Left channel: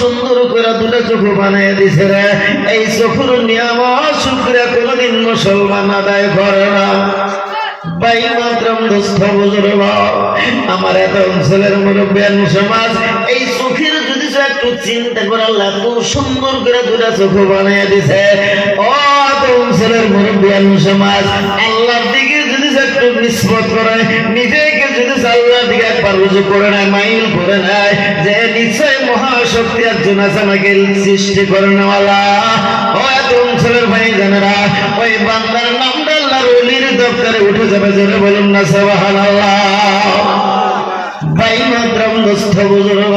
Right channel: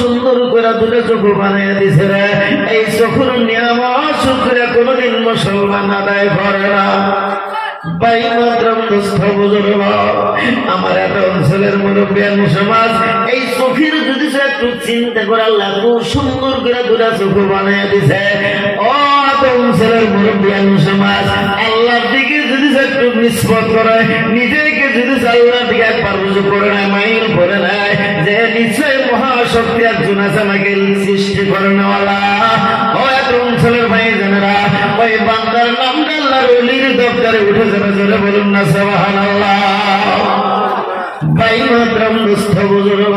সুন্দর করে দুটো চোখ বানিয়ে দিছে রে। এই চোখের নিয়ামত শুকরিয়া কোনদিন মুসলমান আদায় করে না। আমার এত অঞ্চলের মুরব্বিয়ান সমাজ এই চোখের যদি একটু চিন্তা করে আল্লাহ খুব সুন্দর করে দুটা চোখ বানিয়ে দিছে। ও এত অঞ্চলের মুরব্বিয়ান সমাজ আল্লাহর দিকে যদি একটু নিসবত করে, নিজেকে যদি আল্লাহর দিকে একবার রুজু করে নেয়, মাইল করে নেয় যে নিশ্চয় মহাশক্তি একজন আছে আমাকে সৃষ্টি করে নেওয়ালা। ও এত অঞ্চলের ভাই জানেরা ওই বান্দার নামটা আল্লাহর ওলির দপ্তরে উঠে যাবে। জোরে বলুন না সুবহানাল্লাহ। বাইমাত্রাম দোস্ত বুজুর্গ,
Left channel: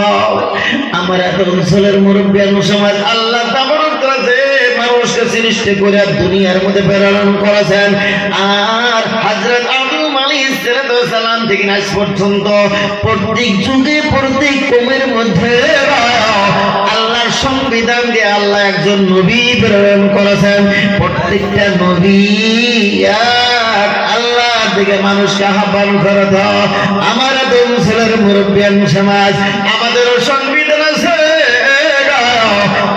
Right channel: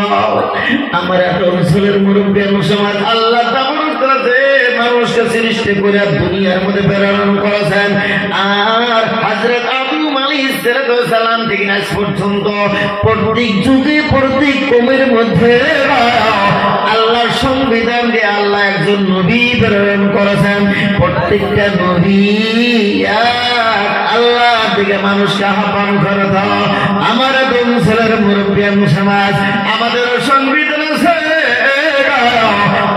আমার এত অঞ্চলের মুরব্বিয়ান সমাজ আল্লাহ তাবারক তাআলা যে মানুষকে সৃষ্টি করে দুনিয়ার মধ্যে প্রেরণ করেছেন, আর হযরত আদম আলাইহিস সালাম থেকে আজ পর্যন্ত প্রত্যেক যুগে প্রত্যেক কওমের মধ্যে আল্লাহর সংবিধান দিয়ে আল্লাহ একজন নবী প্রেরণ করেছেন। প্রত্যেকটা নবী আল্লাহ দিকে মানুষকে আহ্বান করে দাও। আমার আদম ছেলের মুরব্বিয়ান সমাজ আমাদের সংবিধান আছে।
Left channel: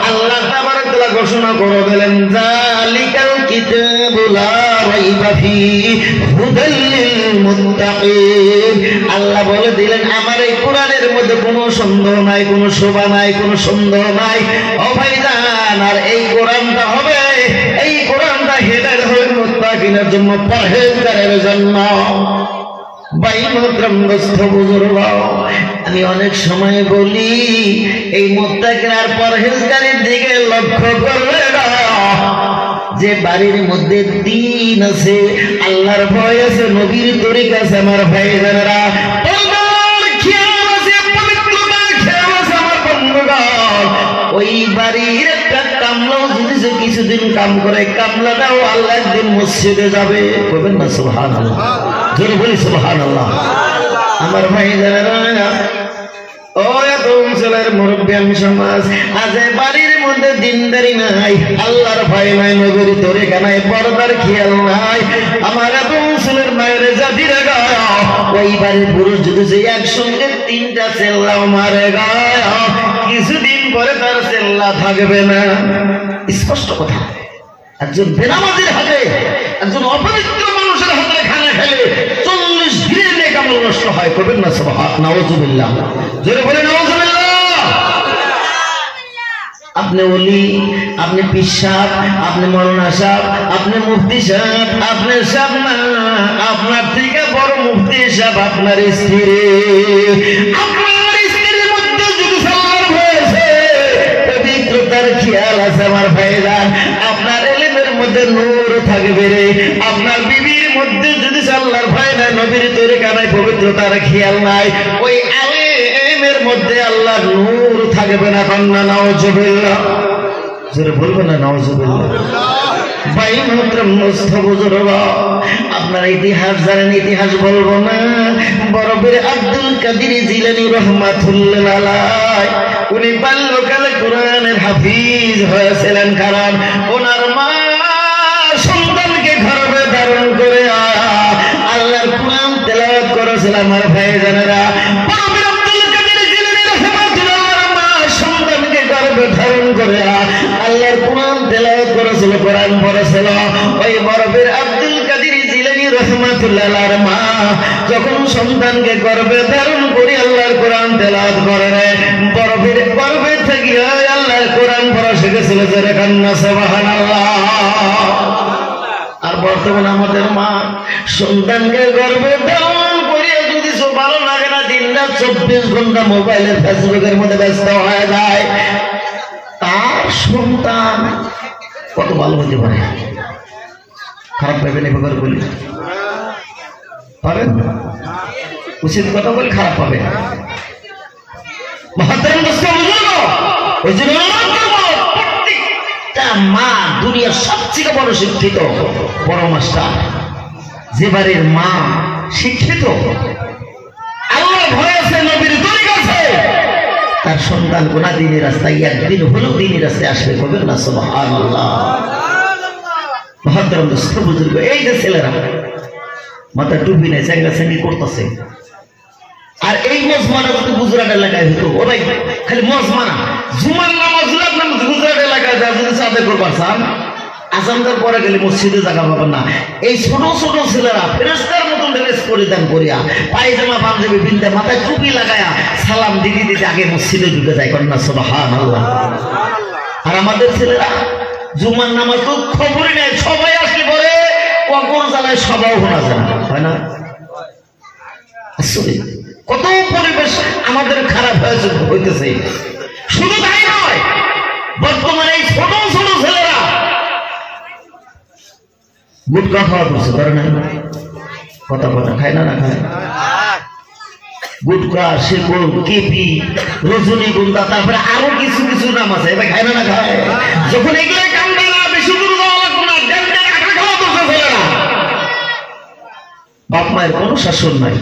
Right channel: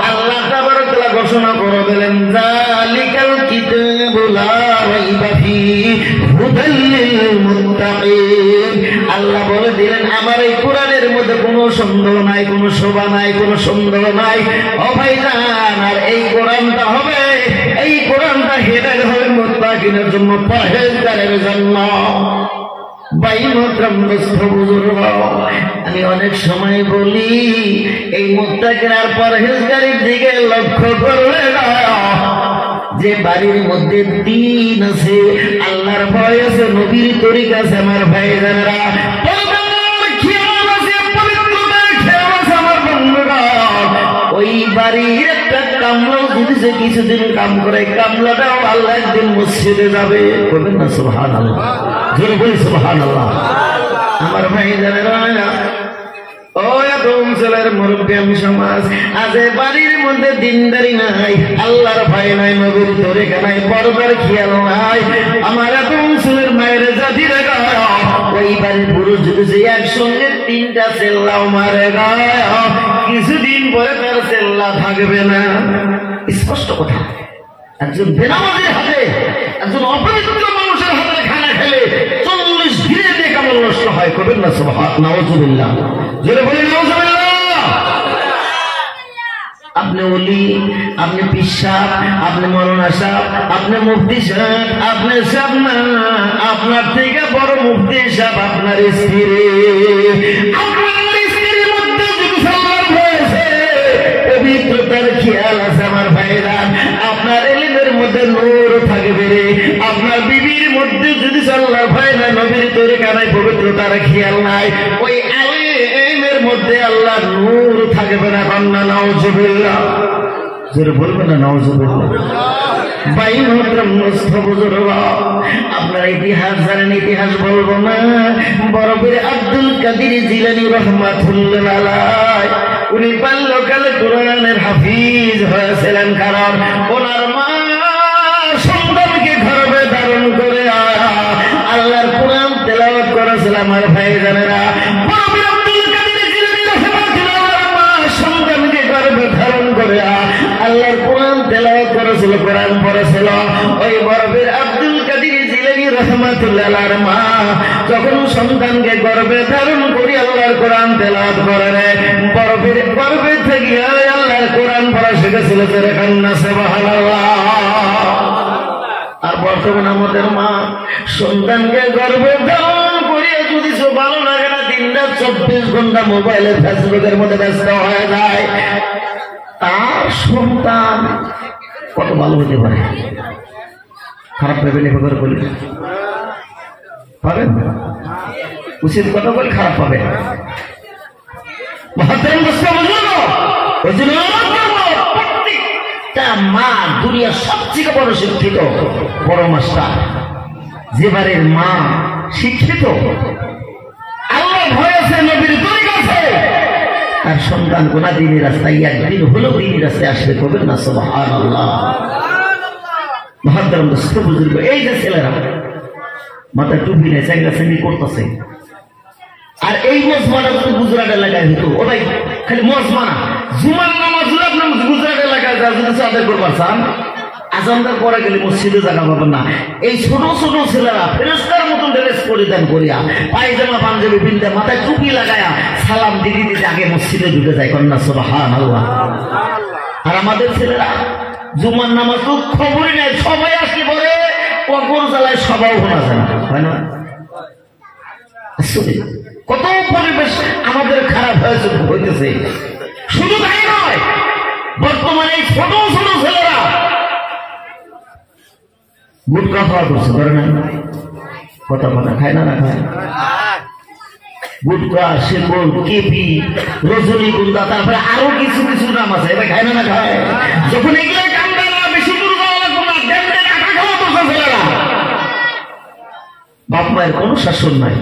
আল্লাহ তাবারক তাআলা ঘোষণা করে দিলেন যালিকাল কিতাবু লা রাইবা ফীহি হুদাল লিল মুত্তাকিন। আল্লাহ বলে দিলেন আমার এই কোরআনের মধ্যে কোনো সন্দেহ নাই, কোনো শোভা নাই, কোনো সন্দেহ নাই। ও ভাইজান, আর এই কোরআনটা হবে, এই কোরআনটা হেদায়েত হবে মুত্তাকিনের জন্য, পরহেজগারের জন্য। আমি অনেক সময় বলি এই মুত্তাকিন আর পরহেজগারের দিকে লক্ষ্য করবে না। যে বাড়ির মধ্যে দ্বীন আছে, আল্লাহর ভয় আছে, নবীর তরিকা আছে, আমার ভাইজানেরা ওই বাড়ির একটা কামলা যদি সে কিছুদিন কাম করে, কামলাটাও আল্লাহ একদিন মসজিদে যাবে। বলবেন না সুবহানাল্লাহ? জোরে বলি সুবহানাল্লাহ। আমার ভাইজানেরা ও এত অঞ্চলের মুরব্বিয়ান সমাজ আজ বাড়ির মধ্যে দিনদারি নাই, আল্লাহর ভয় নাই, নবীর তরিকা নাই, পর্দার খেয়াল নাই। আমার এত অঞ্চলের মায়ের জাতিরা গায় ওই বাড়ির পুরুষ যদি সে একসঙ্গে তিনটা চেল্লা মারে গায়, কিছুদিন পরে তার চেল্লা থাকবে না। স্পষ্ট কথা। একজন বেনামাজির হাতে, একজন অপবিত্র মানুষের হাতে খানা খেলে 40 দিনের নেক আমল নষ্ট হয়। করবেন না সুবহানাল্লাহ? নাউযুবিল্লাহ। জোরে বলে নাউযুবিল্লাহ। আপনি ওলি, আপনি পীর সাহেব, আপনি মৌলানা সাহেব, আপনি মুফতি সাহেব, আপনি সাহেব না, আপনার থেকে বড় মুফতি সাহেব আপনার স্ত্রী। খেয়াল আছে আমার ভাইরা, আপনার এলিমের মধ্যে নূর থাকবে রে। আপনার বিবির মধ্যে যদি আল্লাহর ভয় নাই, নবীর তরিকা নাই, পবিত্রতার খেয়াল নাই, ওই আলেমের মধ্যে আল্লাহর নূর থাকবে না। কন্যা নাউযুবিল্লাহ। জোরে বলবেন না নাউযুবিল্লাহ? ভাই মোহতরম মুস্তাফিজুর, আপনারা ইতিহাস জানেন, ইতিহাস বলবো না। বরফের আব্দুল কাদের জিলানী রাহমাতুল্লাহ আলাইহি উনি বাল্যকালে কোরআনের হাফিজ হয়েছিলেন, কারণ ওনার মা সন্তানকে গর্ভে ধারণ করে আল্লাহর কোরআন তেলাওয়াত করেছিল। আমার ভাইজানেরা, সন্তানকে গর্ভে ধারণ করে আল্লাহর কোরআন তেলাওয়াত করেছিল, কোরআন পড়েছিল। ওই বরফের আব্দুল কাদের জিলানী রাহমাতুল্লাহ আলাইহির মা যখন সন্তানকে গর্ভে ধারণ করে আল্লাহর কোরআন তেলাওয়াত করে, বরফের গর্ভে থেকে আল্লাহর কোরআন পড়া শিখেছিল। যারা কান্না সুবহানাল্লাহ। আর বর্তমানে আমাদের মা সন্তানকে গর্ভে ধারণ করে যদি ভালো লাগে না, দিনরাত 24 ঘন্টা মোবাইলে ফেসবুকের মধ্যে ব্যস্ত হয়ে যায়, তার সন্তান কত ভালো হতে পারে? খারাপ পাবেন এবার বলি, পাবেন? উচিত কথা বলে খারাপ পাবে। প্রত্যেকটা মা দুনিয়ার সবচেয়ে বড় শিক্ষিত, বড় মাস্টার। যে বাড়ির মা শিক্ষিত, আল্লাহ ভয় আছে, নবীর তরিকা আছে, তার সন্তান গোনা দিনের রাস্তায় একদিন হলেও দিনের রাস্তায় আসবে। করবেন না সুবহানাল্লাহ? মহাদ্দার বুজুর্গ, এই যে ছেলেরা মাথা টুপি নেই, চ্যাংরা চ্যাংরি করতেছে, আর এই মজমানা কত গুজরাট এলাকায় হতো, ওরাই খালি মজমানা জুমার নামাজ আপনি গুজরাট এলাকায় যা যদি আদায় করবার চান আজানদের পরে গেলে মসজিদে জায়গা পাবেন না। এই ছোট ছোট ছেলেরা ফেরেশতার মতন ড্রেস পরিধান করিয়া পায়জামা পাঞ্জাবি বিন্দা মাথায় টুপি লাগায়া সালাম দিদি দিতে আগে মসজিদে ঢুকে যায়, করেন না সুবহানাল্লাহ। আর আমাদের ছেলেরা জুমার নামাজ তো খবরই নেই, সবাই আসলে বলে কখন জ্বালায় সবাও শোনা যায় না, হয় না? কত পরিবেশ আমাদের খারাপ হইতেছে। শুধু তাই নয়, বর্তমানে এই ছোট ছোট ছেলেরা গুটকা খাওয়া করছে, করে না? কথা বলে খায় না, না খায়? গুটকা, শেকড়, কেপি, রজনীগন্ধা, তারপরে আরো কিছু কিছু নাম আছে, এটা খায় না, না খায়? যখন এগুলো কামড়ে না, বেশি করে যাওয়া লাগবে না, ড্যামডে কাটা খাওয়া করছে ছেলেরা। বাপ মায়ের কোনো শাসন নাই,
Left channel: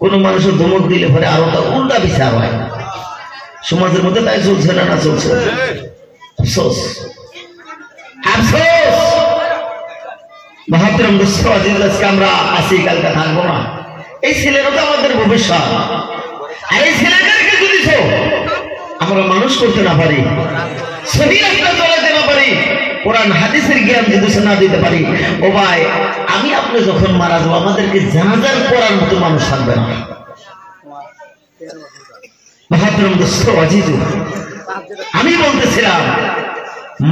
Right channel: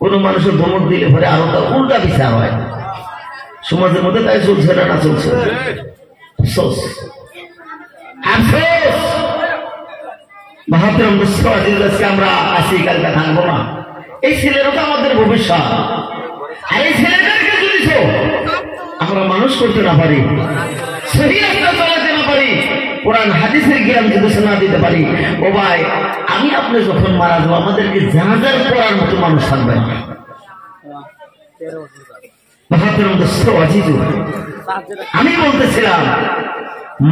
কোন মানুষের ধমক দিলে পরে আরো তার উল্টা বিচার হয়। সমাজের মধ্যে তাই চলছে না, না চলছে? আফসোস, আফসোস। মহাত্রম আজকে আমরা আসি, কালকে থাকবো না। এই ছেলেরা তো আমাদের ভবিষ্যৎ। আর এই ছেলেদেরকে যদি আমরা মানুষ করতে না পারি, সহিহ রাস্তা চালাতে না পারি, কোরআন হাদিসের জ্ঞান যদি না দিতে পারি, ও ভাই আমি আপনি যখন মারা যাবো আমাদেরকে জানাজার করার মতো মানুষ থাকবে না। মহাত্রম আমি বলতেছিলাম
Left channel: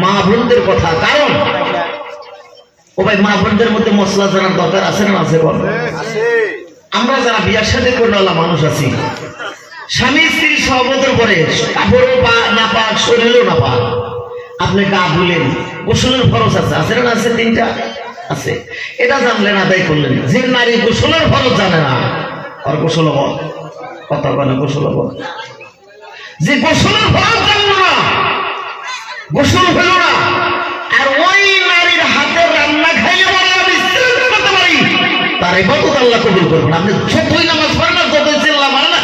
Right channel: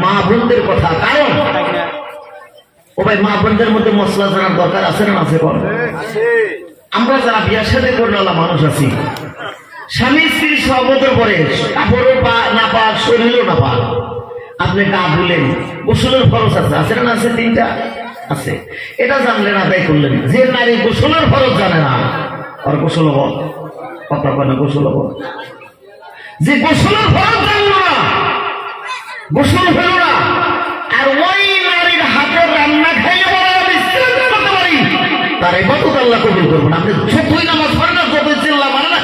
মা বোনদের কথা, কারণ ও ভাই মা বোনদের মধ্যে মশলা জানার দরকার আছে না? আছে। আমরা যারা বিয়ার সাথে করে মানুষ আছি, স্বামী স্ত্রী সহবতের পরে কাপড়ও না পাক, শরীরও না পাক, আপনি গা ধুলেন, গোসলের ফরজ আছে, আছে না? আছে, 3টা আছে। এটা জানলেন না, তাই করলেন। যে নারী গোসলের ফরজ জানে না, আর গোসল হব কথা বলে, গোসল হব। যে গোসলের ফরজ জানলো না, গোসল হলো না, আর ওই নারীর হাতে রান্না খাইয়ে বলে আমি করতে পারি, তার ইবাদত আল্লাহ কবুল করবেন। আপনি যতই নামাজ পড়েন না, যতই চিল্লা মারেন না,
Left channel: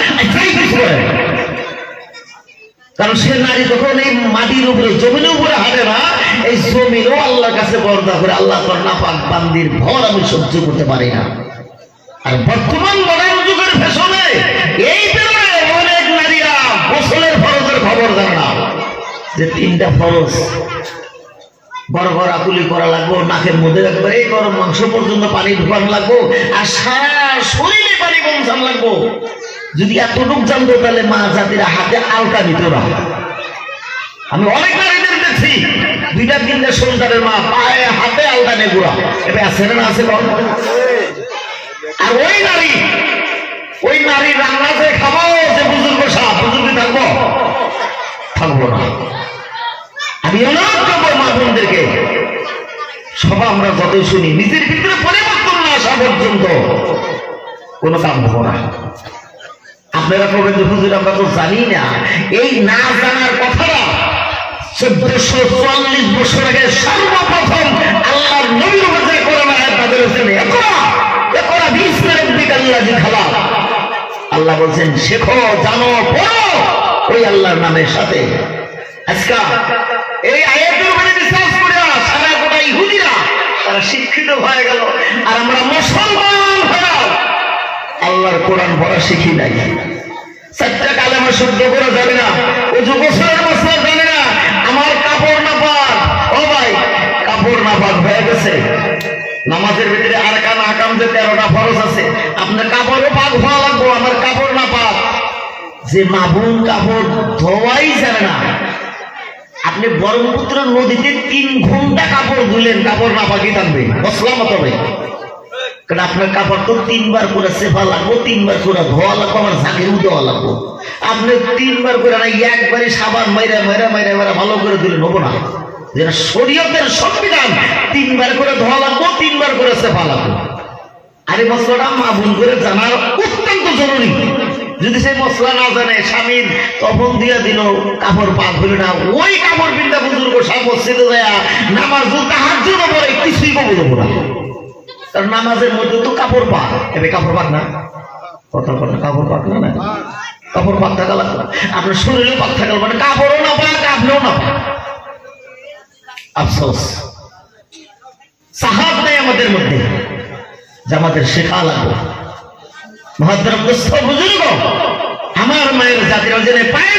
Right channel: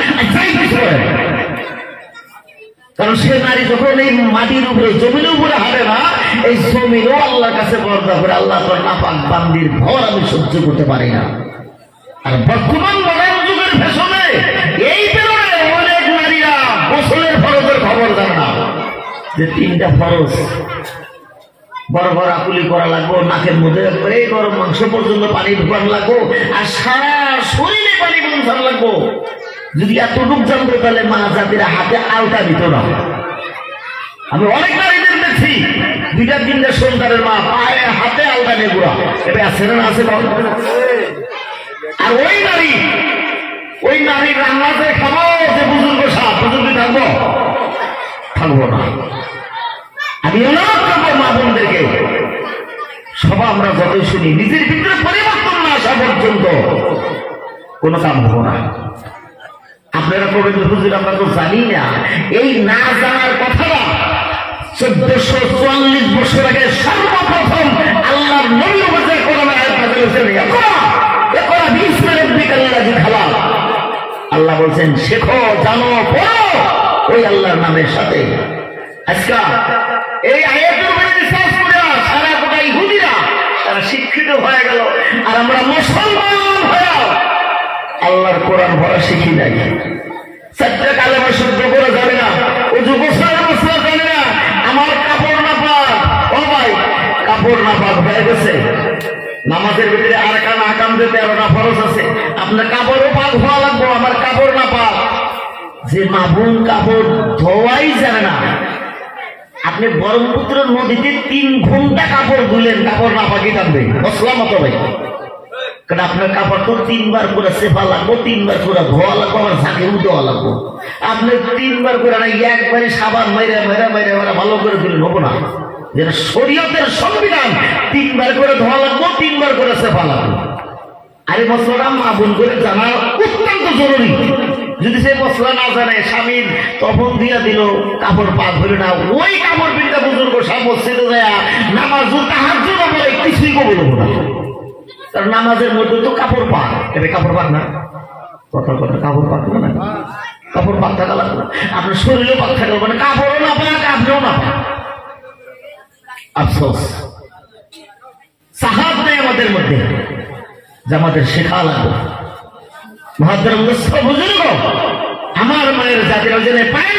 কারণ সে নারী যখন এই মাটির উপরে, জমির উপরে হারে না, এই জমিরও আল্লাহর কাছে বর্দা করে, আল্লাহ তোর নাপাক বান্দির ভর আমি সহ্য করতে পারি না। আর বর্তমান মডার্ন যুগের ফ্যাশনে এই বেরোয় অনেক নারীরা গোসলের ফরজের খবর জানে না, যে 3টা ফরজ গড়গড়া কুলি করা লাগবো, নাকের মধ্যে এই গরম মাংস পর্যন্ত পানি ঢুকানো লাগবো, আর সারা শরীরে পানি বঞ্চান লাগবো। যদি এতটুক জানতো তাহলে মা জাতিরা হাতে আলতা দিত না। আমি অনেক নারীদের দেখছি 2টা-3টা সন্তানের মা পায়ে হাতে আলতা নিয়ে ঘোরা, এটা আছে না? আছে। আর ওই নারী রান্না যে খাওয়াও, যে বুজুর্গ সাপ, বুজুর্গ থাকবো না। আমি অনুরোধ করবো মা বোনদেরকে, সবাই আমরা যতই শুনি, নিজের ভিতরে পরিবর্তন না আসা পর্যন্ত কোনো কাম হবো না। আপনারা বলবেন হুজুর আমরা তো জানি না, এই না জানার কথাটা 1440 বছর আগে সর্বপ্রথম আল্লাহর নবীর মাঝে কোরআন আয়াত নাযিল হয়েছে। আল্লাহ বলছেন শেখো, জানো, পড়ো ওই আল্লাহর নামের সাথে। আজকে এই আয়াতের উপরে বিশ্বাস করে সারা গোটা ইহুদিরা তারা শিক্ষিত হয়ে গেল, আর আমরা মুসলমান হয়ে আল্লাহর কোরআন পড়া শিখি নাই। 4টা কালেমা শুদ্ধ করে জানে না, ওযু গোসলের মশলা জানে না, আমার কাপড় নাপাক। ও ভাই, কাপড় নাপাক হয়ে গেছে, নামাজের ভিতরে আরকান আহকাম যে 13টা ফরজ আছে, আপনার কাপড়ও পাক হওয়া লাগবে, আমার কাপড় নাপাক। যে মাবুন কাপড় ধোয়াই জানে না, আপনি ব্রহ্মপুত্র নদীতে 3 ঘন্টা কাপড় ধুলেন, কাপড় নাপাকি থাকবে, মশলা মতো নেই। কারণ আপনার কাপড় তো 3 বার করে সেফা লাগবো, 3 বার করে ধোয়া লাগবো, আমার ঝাঁকেও দেওয়া লাগবো। আপনি 3 বার করে একবারে সাবান মাইরা ভালো করে দিলেন, হবো না। যেটা শরীয়তের সংবিধান, 3 বার করে ধোয়া লাগবো, 3 বার করে সেফা লাগবো। আর এই মশলাটা মা বোন করে জানা অত্যন্ত জরুরি। যদি সেই মশলা না জানে, স্বামীর তখন দিয়া দিল, কাপড় পাক হইল না, ওই কাপড় পিন্তা বুজুর্গ সব মসজিদে যায় নামাজ তাহাজ্জুদ পড়ে, কিছুই কবুল হবো না। কারণ নামাজের মধ্যে তো কাপড় পাক, এবার কাপড় পাক না, কত কাপড় পাক না, কাপড় পাক থাকা লাগবে, আপনার শরীরে পাক থাকা লাগবে, কাপড়ও না পাক, আপনিও না পাক। আফসোস সাহাব নাই আমাদের মধ্যে, যে আমাদের শেখা লাগবে। মহাদ্রাম বুজুর্গ, আমার মায়ের জাতির জন্য পায়ে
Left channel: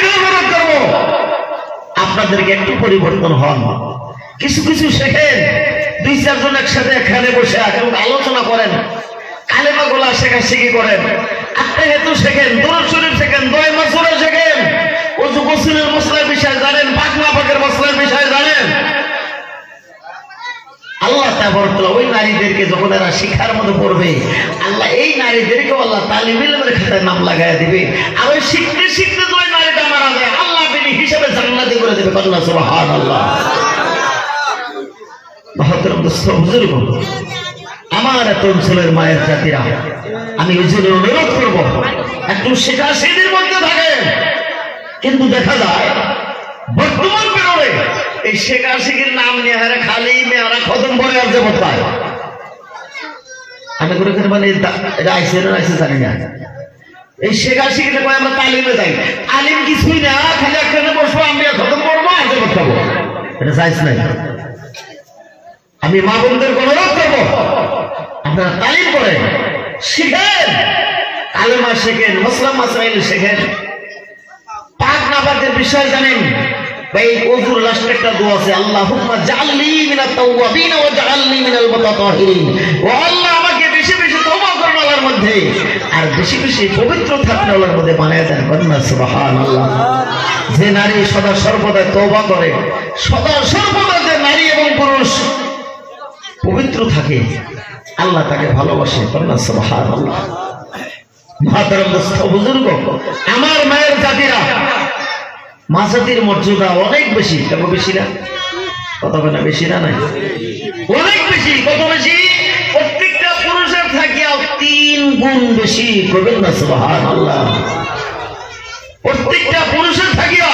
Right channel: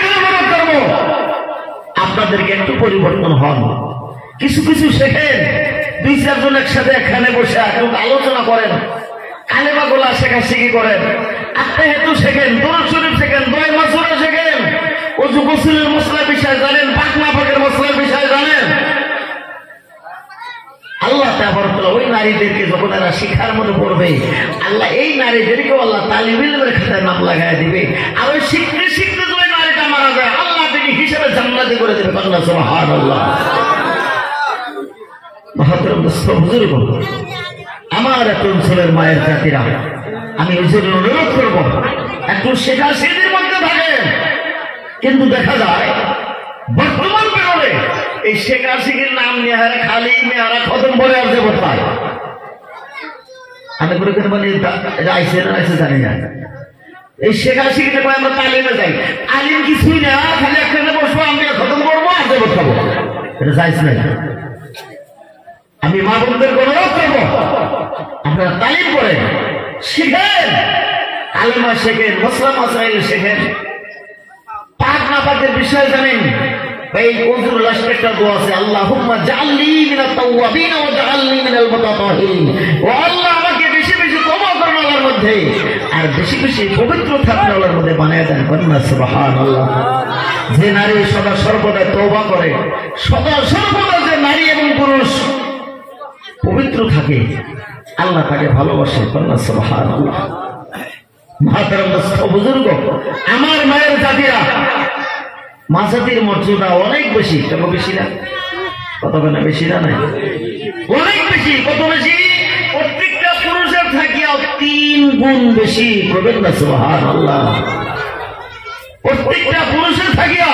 করবো, আমাদেরকে একটু পরিবর্তন হন, কিছু কিছু শেখেন। 2-4 জন একসাথে এখানে বসে এখন আলোচনা করেন, কালেমাগুলা শেখাশেখি করেন, আত্মাহেতু শেখেন, দরুদ শরীফ শেখেন, দোয়া মাসুরা শেখেন, ওযু গোসলের মশলার বিষয় জানেন, পাক নাপাকের মশলার বিষয় জানেন। আল্লাহ তাবারাকাল্লাহ ওই নারীদেরকে যখন এরা শিক্ষার মধ্যে পড়বে, আল্লাহ এই নারীদেরকে আল্লাহ তালিম ইলমের খাতায় নাম লাগায় দিবে। আর ওই শিখতে শিখতে যদি নারীটা মারা যায়, আল্লাহ তিনি হিসাবে জান্নাতে করে দেবে। আল্লাহ সুবহানাল্লাহ। আমার এত অঞ্চলের মায়ের জাতিরা, আমি ওই জন্য অনুরোধ করবো একটু শেখা সেদিন মধ্যে থাকেন। কিন্তু দেখা যায় বর্তমান বেরোলে এই শেখা শিখির নাম নিয়ে হারে খালি মেয়ারা খতম করে আসছে বর্তায়। আমি করে মানে এটা আইসে না আইসে জানি না। এই শেখা শিখতে পারে আমরা তালিমে যাই, আলিম কিছুই না, খালি একখানে বসবো, আমি খতম করবো, আজকে বসাবো, এটা চাইছ নাই। আমি মা বোনদের অনুরোধ করবো আপনারা তালিম করেন, শিখেন, আলেমা শেখেন, মসলা মাসাইল শেখেন, পাক নাপাকের বিষয় জানেন। এই ওযুর লাস্টে একটা দোয়া আছে, আল্লাহুম্মা জাআলনি মিনাত তাওয়াবিন ওয়া জাআলনি মিনাল মুতাতাহিরিন। ও আল্লাহ, আমাকে বেশি বেশি তওবা করার মধ্যে আর বেশি বেশি পবিত্র থাকার মধ্যে বানায় দেন। বলুন সুবহানাল্লাহ। যে নারী সদা সর্বদা তওবা করে, সদা সর্বদা যে নারী এবং পুরুষ পবিত্র থাকে, আল্লাহ তাকে ভালোবাসে। সুবহানাল্লাহ। মাতারাম বুজুর্গ, আমার মায়ের জাতিরা, মা জাতির মর্যাদা অনেক বেশি। কত বেশি না? কত না বেশি না? নাই, অনেক বেশি। কত বেশি? প্রত্যেকটা পুরুষের থাকিয়াও 3 গুণ বেশি। করবেন না সুবহানাল্লাহ। প্রত্যেকটা পুরুষের থাকিয়া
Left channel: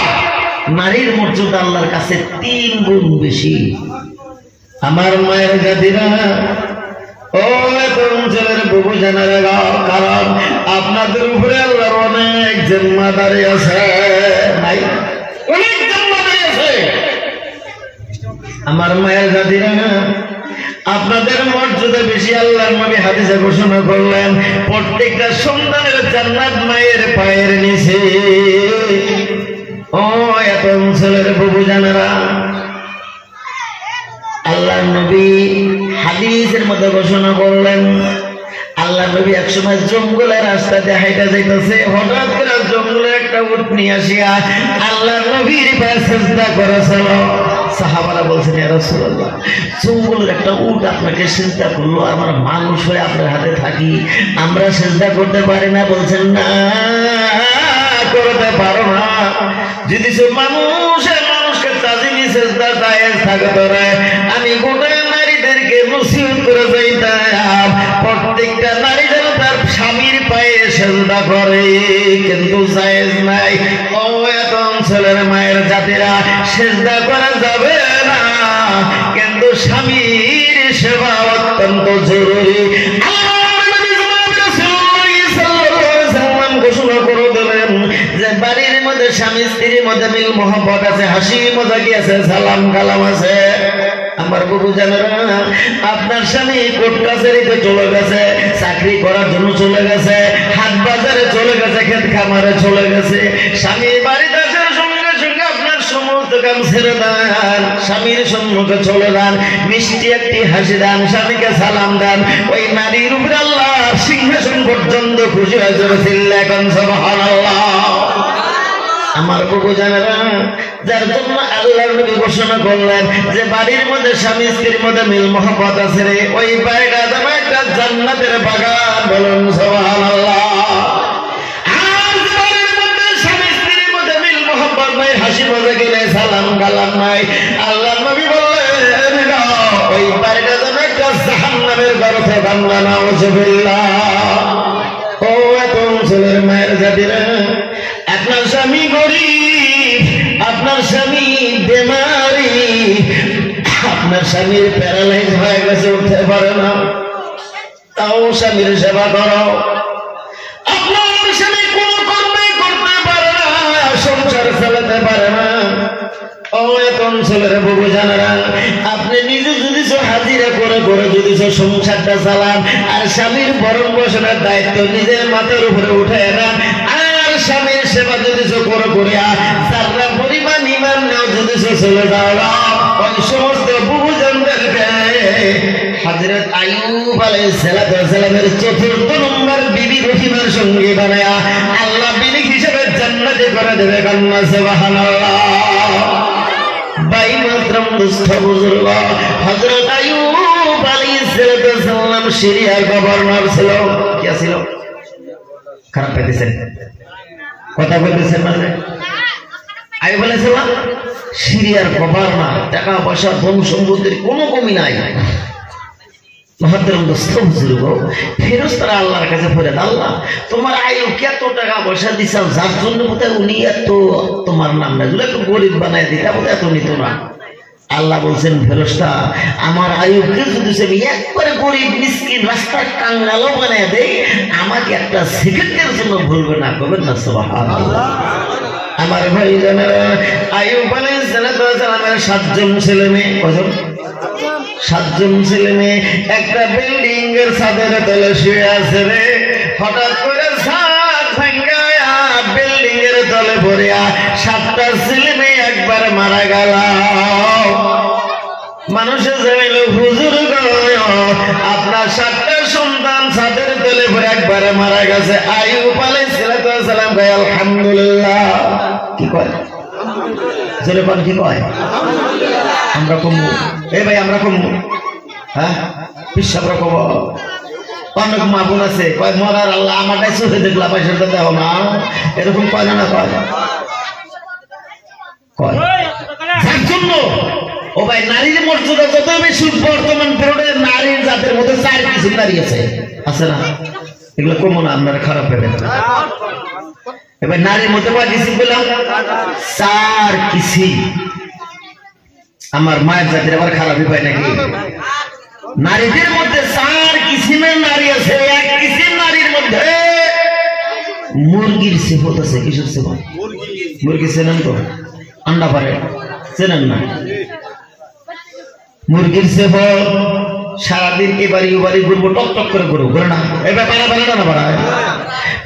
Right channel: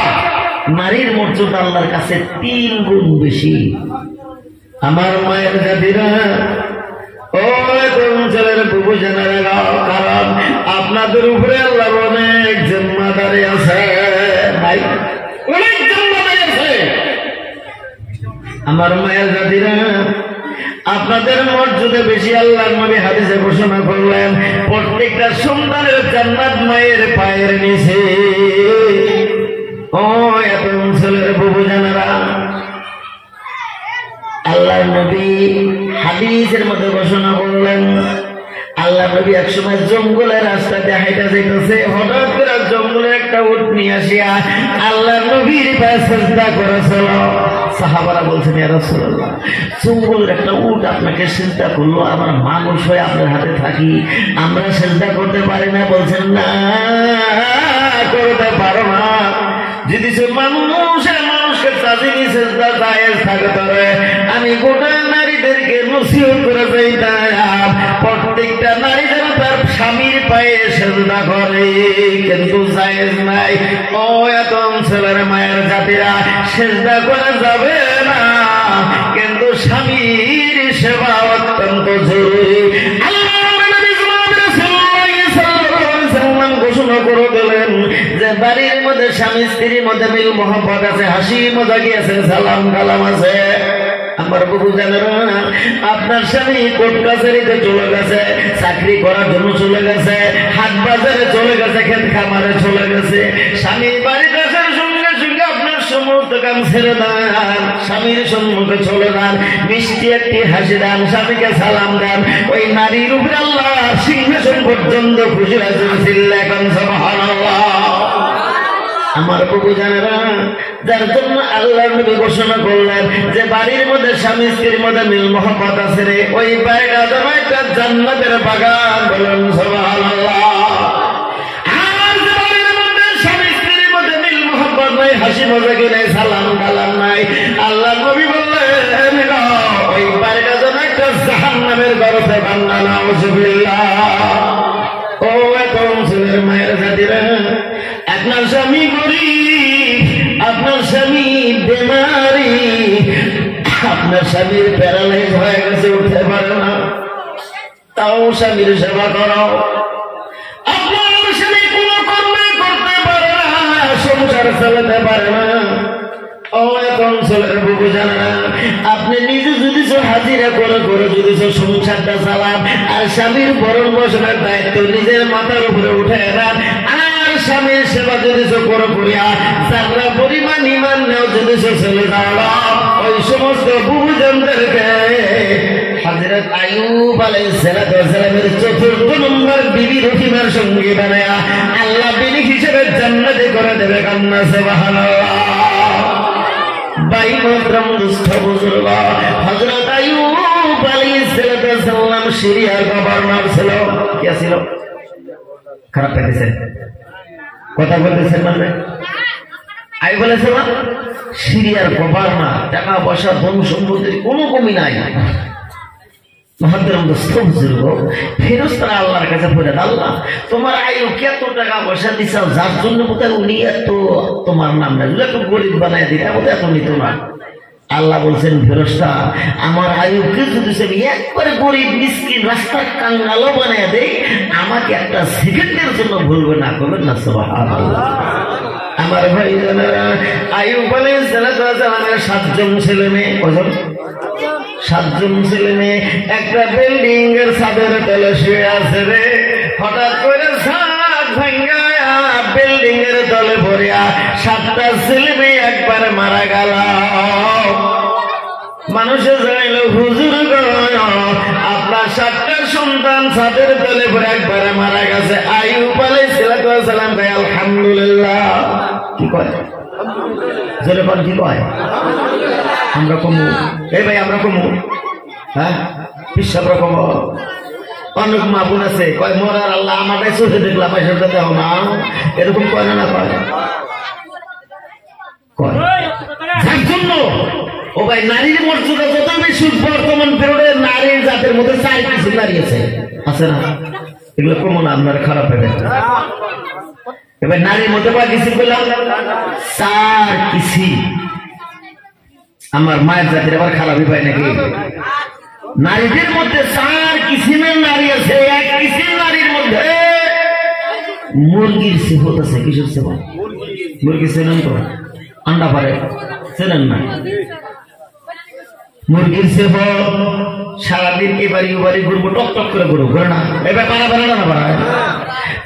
নারীর মর্যাদা আল্লাহর কাছে 3 গুণ বেশি। আমার মায়ের জাতিরা, ও অঞ্চলের বুবু জানারা, কারণ আপনাদের উপরে আল্লাহর অনেক জিম্মাদারি আছে, নাই অনেক জিম্মাদারি আছে। আমার মায়ের জাতিরা, আপনাদের মর্যাদা বেশি। আল্লাহর নবী হাদিসে ঘোষণা করলেন, প্রত্যেকটা সন্তানের জান্নাত মায়ের পায়ের নিচে। ও এত অঞ্চলের বুবু জানারা, আল্লাহ নবী হাদিসের মধ্যে ঘোষণা করলেন, আল্লাহ নবী একসময় জঙ্গলের রাস্তাতে হাইটা যাইতেছে, হঠাৎ করে জঙ্গলের একটা উট নিয়ে আসিয়া আল্লাহ নবীর পায়ে সিজদা করেছিল। সাহাবারা বলছেন, ইয়া রাসূলুল্লাহ, জঙ্গলের একটা উট আপনাকে সিজদা করলো, আমরা মানুষ হয়ে আপনার হাতে থাকি, আমরা সিজদা করতে পারি না। বলছেন, না, করতে পারো না। যদি মানুষকে তাজিমি সিজদা জায়েজ থাকতো, আমি গোটা নারীদেরকে নসিহত করে যাইতাম, প্রত্যেকটা নারী যেন তার স্বামীর পায়ে সিজদা করে, কিন্তু জায়েজ নাই। ও এত অঞ্চলের মায়ের জাতিরা, সিজদা করা যাবে না, কিন্তু স্বামীর সেবা অত্যন্ত জরুরি। ঘোষণা করে দিলেন যে বাড়ির মধ্যে স্বামী স্ত্রীর মধ্যে মিল মহব্বত আছে, হাসি মজাকি আছে, সালাম কালাম আছে। আমার বুবু জানেন, আপনার স্বামী কোর্ট কাছারিতে চলে গেছে, চাকরি করার জন্য চলে গেছে, হাট বাজারে চলে গেছে, ক্ষেত খামারে চলে গেছে, স্বামী বাড়িতে আসার সঙ্গে সঙ্গে আপনার সমস্ত কাম ছেড়ে দেন, স্বামীর সম্মুখে চলে যান, মিষ্টি একটি হাসি দেন, স্বামীকে সালাম দেন। ওই নারীর উপরে আল্লাহ সিংহাসন পর্যন্ত খুশি হয়েছিল। এখন সুবহানাল্লাহ। আমার বুবু জানেরা, যার জন্য আল্লাহর নবী ঘোষণা করলেন যে বাড়ির মধ্যে স্বামী স্ত্রীর মধ্যে মিল মহব্বত আছে রে, ওই বাড়িটা যাবে একটা জান্নাতের বাগান। বলুন সুবহানাল্লাহ। আর বাড়ির মধ্যে স্বামী স্ত্রীর মধ্যে মিল মহব্বত নাই, হাসি মজাকি নাই, সালাম কালাম নাই, আল্লাহর নবী বললেন ওই বাড়িটা যাবে একটা জাহান্নামের গর্তে বান্দা। নাউযুবিল্লাহ। ও এত অঞ্চলের মায়ের জাতিরা, আপনার স্বামী গরিব, আপনার স্বামী বেমারি, আপনার স্বামীর প্যারালাইজ হয়ে গেছে, উঠতে পারে না, তাও স্বামীর সেবা করো। আপনার স্বামী কোনো কর্মে করতে পারে না, সংসার চালাতে পারে না। ও এত অঞ্চলের বুবু জানারা, আপনি নিজে যদি হাজিরা করে করে যদি সংসারটা চালান, আর স্বামীর বরণ পোষণের দায়িত্ব নিজের মাথার উপরে উঠে দেন, আর স্বামীর সেবা যদি করো করিয়া যারা পরিমাণ ইমান নাও যদি চলে যাও না ওই সমস্ত বুবুজনদেরকে হযরত আইয়ুব আলাইহিস সালামের চতুর্থ নম্বর বিবি রহিমার সঙ্গে বানায়া আল্লাহ বিবি হিসেবে জান্নাতে করে দেবে কান্না সুবহানাল্লাহ ভাই মোহতরম দোস্ত বুজুর্গ হযরত আইয়ুব আলাইহিস সালাম সিরিয়ার গভর্নর ছিল কি ছিল খারাপ পেতেছেন কথা বলতেছেন মানে আইয়ুব আলাইহিস সালাম সিরিয়ার গভর্নর টাকা পয়সা ধন সম্পত্তির কোনো কমি নাই মহতরম দোস্ত বুজুর্গ ফেরেশতারা আল্লাহর কাছে বলে আল্লাহ তোমার আইয়ুবকে এত টাকা পয়সা দিছাও যার জন্য বোধহয় উনি এত তোমার নাম না যদি একটু গরিব বানায় দিতা বোধহয় এত নিত না আল্লাহ বলছেন ফেরেশতা আমার আইয়ুবকে যদি সে একবারে গরিব মিসকিন রাস্তার কাঙ্গালও বানায় দেয় আমাকে একটা সেকেন্ডের জন্য ভুলবে না করবেন না সুবহানাল্লাহ আমার ভাই জানেরা আইয়ুব আলাইহিস সালামের 7 জন ছেলে মেয়ে কজন 7 জন ছেলে মেয়ে একটা বিল্ডিং এর ছাদের তলে শুয়ে আছে রে হঠাৎ করে ছাদ ভেঙে বিল্ডিং এর তলে পড়িয়া 7টা ছেলে মেয়ে একবার মারা গেল মানুষে জানাইল হুজুর আপনার 7টা সন্তান ছাদের তলে পড়ে একবার মারা গেছে আইয়ুব আলাইহিস সালাম কয় আলহামদুলিল্লাহ কি কয় যেরকম কি কয় আমরা কমু এই ভাই আমরা কমু হ্যাঁ বিশ্বাস রকম অনেক মা বোন আছে কয় মরার আল্লাহ আমারটাই চোখে দেখলাম পয়সা দেব না এরকম কয় না কয় কয় যার জন্য ও ভাই নারীর মর্যাদা যতই বেশি বর্তমান পেরিয়ডে নারীর জাতের মধ্যে 4 কিছু দাঁড়িয়েছে আছে না এগুলো কমু না আপনার খারাপ হবে এবার নারীর মধ্যে বা কিছু পেলাম 4 কিছু আমার মায়ের জাতির আবার খারাপই পায় নাকি নারীদের মধ্যে 4 কিসিমের নারী আছে এক কিসিম নারীর মধ্যে মুরগির সিফত আছে কিসের সিফত মুরগি চেনেন তো আন্ডা পারে চেনেন না মুরগির সিফত সারাদিন এবারে ওবারে ঘুরবো টক টক করে ঘুরবো ঘুরে না এবার পাড়া পাড়া না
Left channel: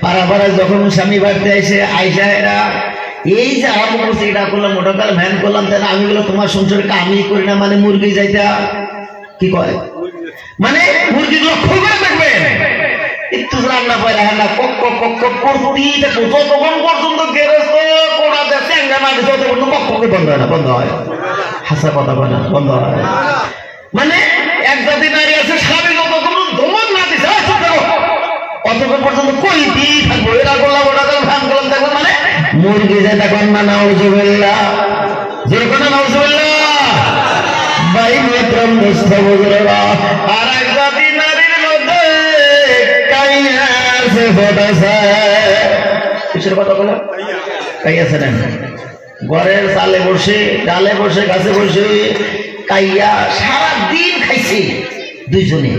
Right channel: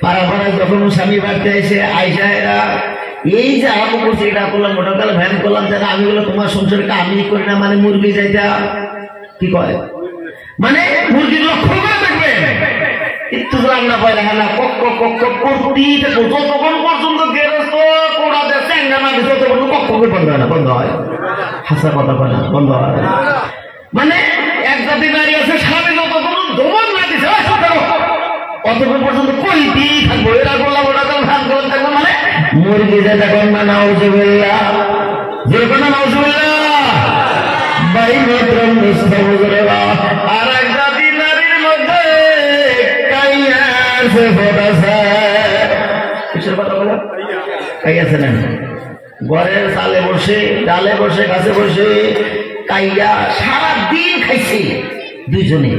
পাড়া পাড়ায় যখন স্বামী বাড়িতে এসে আইসা এরা এই যে আরম্ভ করছে এটা করলাম মোটরকার ভ্যান করলাম তাহলে আমি বললাম তোমার সংসারটা আমি করি না মানে মুরগি যাইতা কি কয় মানে মুরগি লক্ষ্য করে থাকবে একটু রান্না পায় না কক করতেই থাকো যতক্ষণ পর্যন্ত গেরস্ত কোড়া যাচ্ছে আঙ্গামাটি যতক্ষণ কক বন্ধ হয় না বন্ধ হয় হাসা কথা বলে বন্ধ হয় মানে এক জাতি নারী আছে স্বামী যতক্ষণ দমন না দিছে অতক্ষণ পর্যন্ত কইতেই থাকবো এরা করলাম ওটা ভ্যান করলাম দেখো মানে মুরগি যেটা কন্যা নাউজুবিল্লাহ যেরকম নাউজুবিল্লাহ ভাই মোহতরম দোস্ত বুজুর্গরা আর এক জাতি নারীর মধ্যে কাইয়া সিফত আছে কিসের কথা বললাম কাইয়া আছে না ঘরের চালে বসে ডালে বসে গাছে বসে কাইয়া সারাদিন খাইছে দুইজনে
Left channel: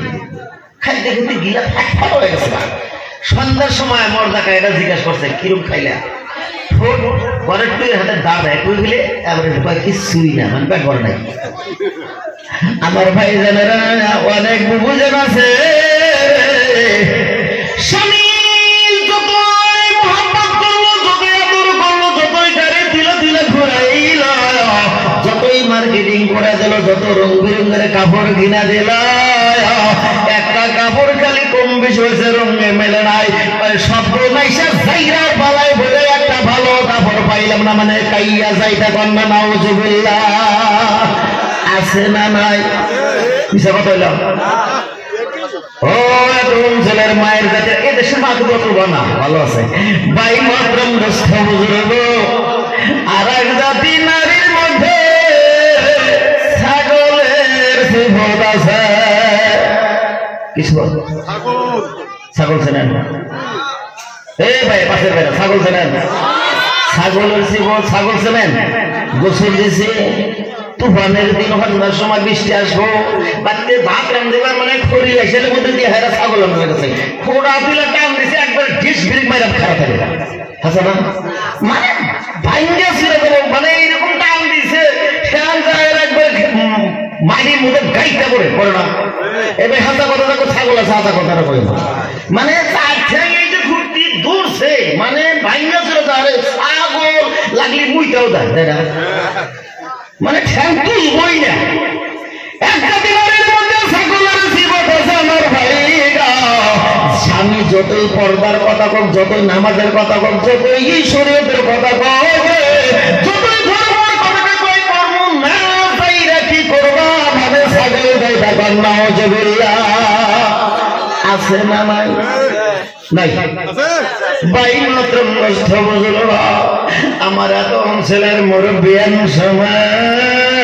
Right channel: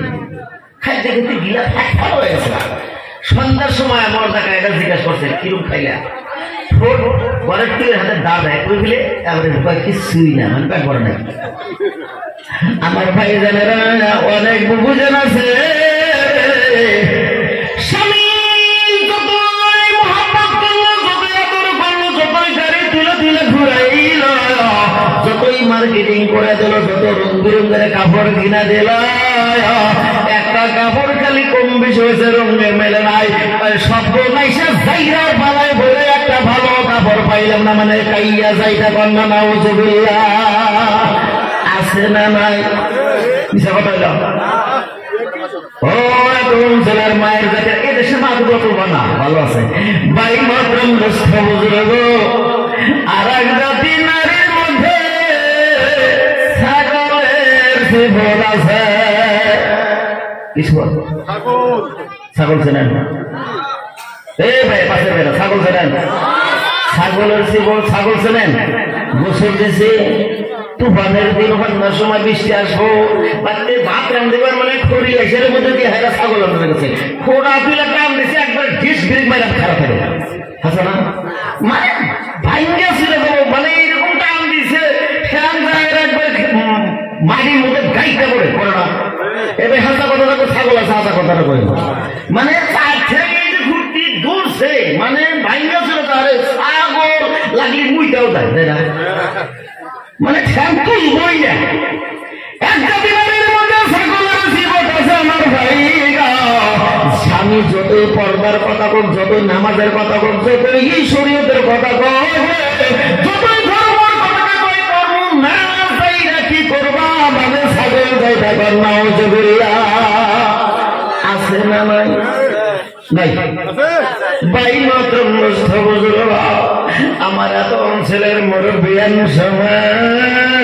খাইতে খাইতে গিলা ফাট হয়ে গেছে সন্ধ্যার সময় মর্দা কাইটা জিজ্ঞাসা করছে কিরম খাইলা ঘরের তুই হাতে দাব একটু গেলে কিছুই না মানে ব্যাপার নাই আমার ভাই জানেরা অনেক বুবুজন আছে স্বামী যতই মহব্বত করলো যতই আদর করলো যতই গাড়ি দিলে দিলে ঘুরাইল যতই মার্কেটিং করে দিল যত রং বিরঙ্গের কাপড় কিনা দিল একটা কাপড় খালি কম বেশি হয়েছে রঙে মেলে নাই সব নাইসে জায়গা বানায় বলে একটা ভালো কাপড় পাইলাম না মানে কাইয়া যাইতা কন্যা নাউজুবিল্লাহ আছে না নাই কিসে পাইলাম ও তুমি ছেলের মায়ের কাছে এই দেশের মা তো করবো না ভালো আছে ভাই মাত্রম দোস্ত বুজুর্গ আর এক জাতি নারীর মধ্যে ছাগলের সিফত আছে কিসব ছাগল চেনেন এই ভাই পাশে বেরো ছাগল চেনেন ছাগলের সিফত ছাগল চেনেন গোসল দিছে তুফানের দিন ওখানে সময় বৃষ্টি আসবো বাড়িতে ভাত রান্ধবার মানে খড়ি এসে মধ্যে দিয়ে হেরা ছাগল হয়ে গেছে খোড়া তুলে টান দিছে একবার ডিস ব্রেক বাইরে খাওয়া থাকে হাসা না মানে ভাইঙ্গা ছিল মানে এইরকম টান দিছে ফ্যান যায় একবার মাটির মধ্যে গাইটা করে পড়ে না এবার হাসা কথা ছাগল আছে হাসা কথা মানে তার থেকে এই যে ঘুরতি দূরছে মানে ভাইঙ্গা ছিল তাহলে ছাগল লাগলে মুইটাও দেয় তাই না মানে ঠ্যাং তুলবই না। একটা দিনের মধ্যে ছাগলের জীবন আছে আমার ভাইরা। স্বামী যতই পর্দার কথা বল, যতই নামাজের কথা বল, যতই এই শরীয়তের কথা বল, যতই ধর্মের কথা কই কর্ম না চাইরা কি করবা মানে ছাগল দেয় টাকার নাউজুবিল্লাহ। আছে না নাই? নাই ভাই মাত্র নষ্ট বুঝলো। আমার এত অঞ্চলের মুরব্বিয়ান সমাজ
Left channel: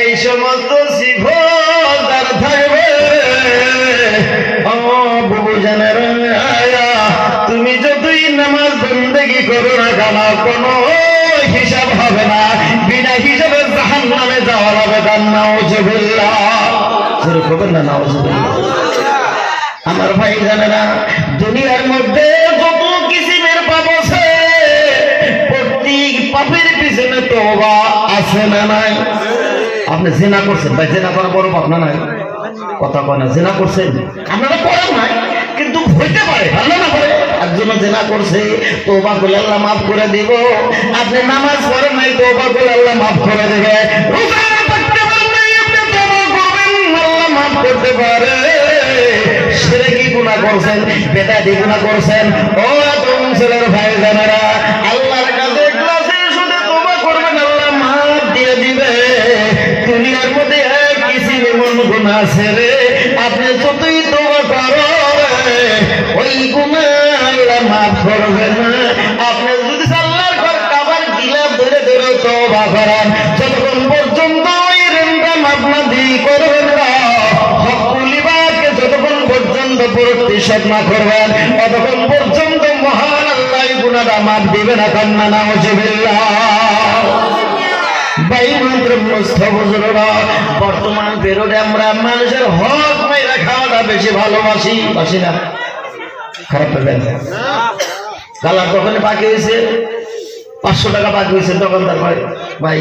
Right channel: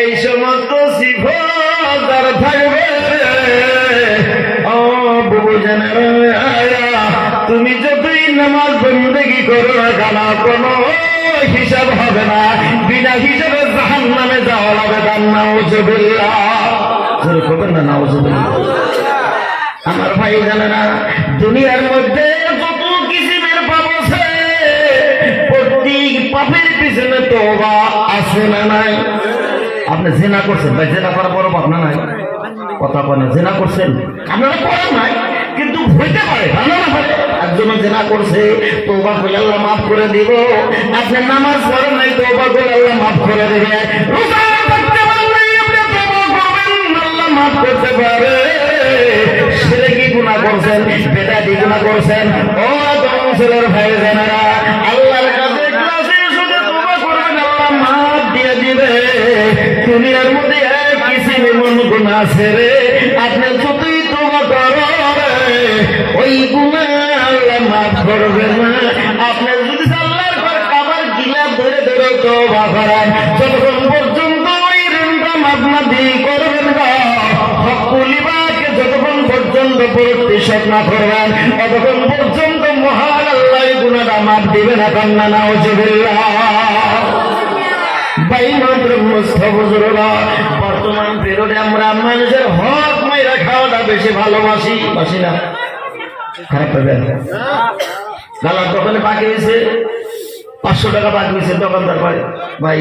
এই সমস্ত সিফত যার থাকবে ও বুঝানেরা, তুমি যতই নামাজ বন্দেগী করো না কেন কোনো হিসাব হবে না, বিনা হিসাবে জাহান্নামে যাওয়া হবে। তার নাউজুবিল্লাহ, জোরে করবেন না নাউজুবিল্লাহ। আমার ভাই জানেরা, দুনিয়ার মধ্যে যত কিসিমের পাপ আছে প্রত্যেক পাপের পিছনে তওবা আছে না নাই? আপনি জিনা করছেন ভাই, জিনা করা বড় পাপ না নাই? কথা কয় না, জিনা করছেন আপনারা করেন নাই কিন্তু হইতে পারে, ভালো না পারে। একজন জিনা করছে, তওবা করে আল্লাহ মাফ করে দিব। আপনি নামাজ পড়েন নাই, তওবা করে আল্লাহ মাফ করে দেবে। রোজা রাখতে পারেন নাই, আপনি তওবা করবেন, আল্লাহ মাফ করতে পারে। শিরকি গুনাহ করছেন, বেদাতি গুনাহ করছেন, ও তোমাদের ভাই জানেরা, আল্লাহর কাছে ক্লাসে শুনে তওবা করবেন, আল্লাহ মাফ দিয়ে দিবে। দুনিয়ার মধ্যে কিছু এমন গুনাহ আছে রে, আপনি যতই তওবা করেন ওই গুনাহ আল্লাহ মাফ করবেন না। আপনি যদি আল্লাহর ঘরে কাবার গিলাফ ধরে ধরে তওবা করেন, যতক্ষণ পর্যন্ত ওই ঋণটা মাফ না দিয়ে করবেন না, প্রতিশোধ না করবেন, ততক্ষণ পর্যন্ত মহান আল্লাহ গুনাহটা মাফ দিবেন না। কান্না নাউজুবিল্লাহ। বাইমাত্র মুস্তাফিজুরা, বর্তমান পেরোডে আমরা মানুষের হক মেরে খাওয়াটা বেশি ভালোবাসি, বাসি না? খারাপ পেলেন গালার দোকানে বাকি হয়েছে 500 টাকা বাকি হয়েছে, দোকানদার ভাই ভাই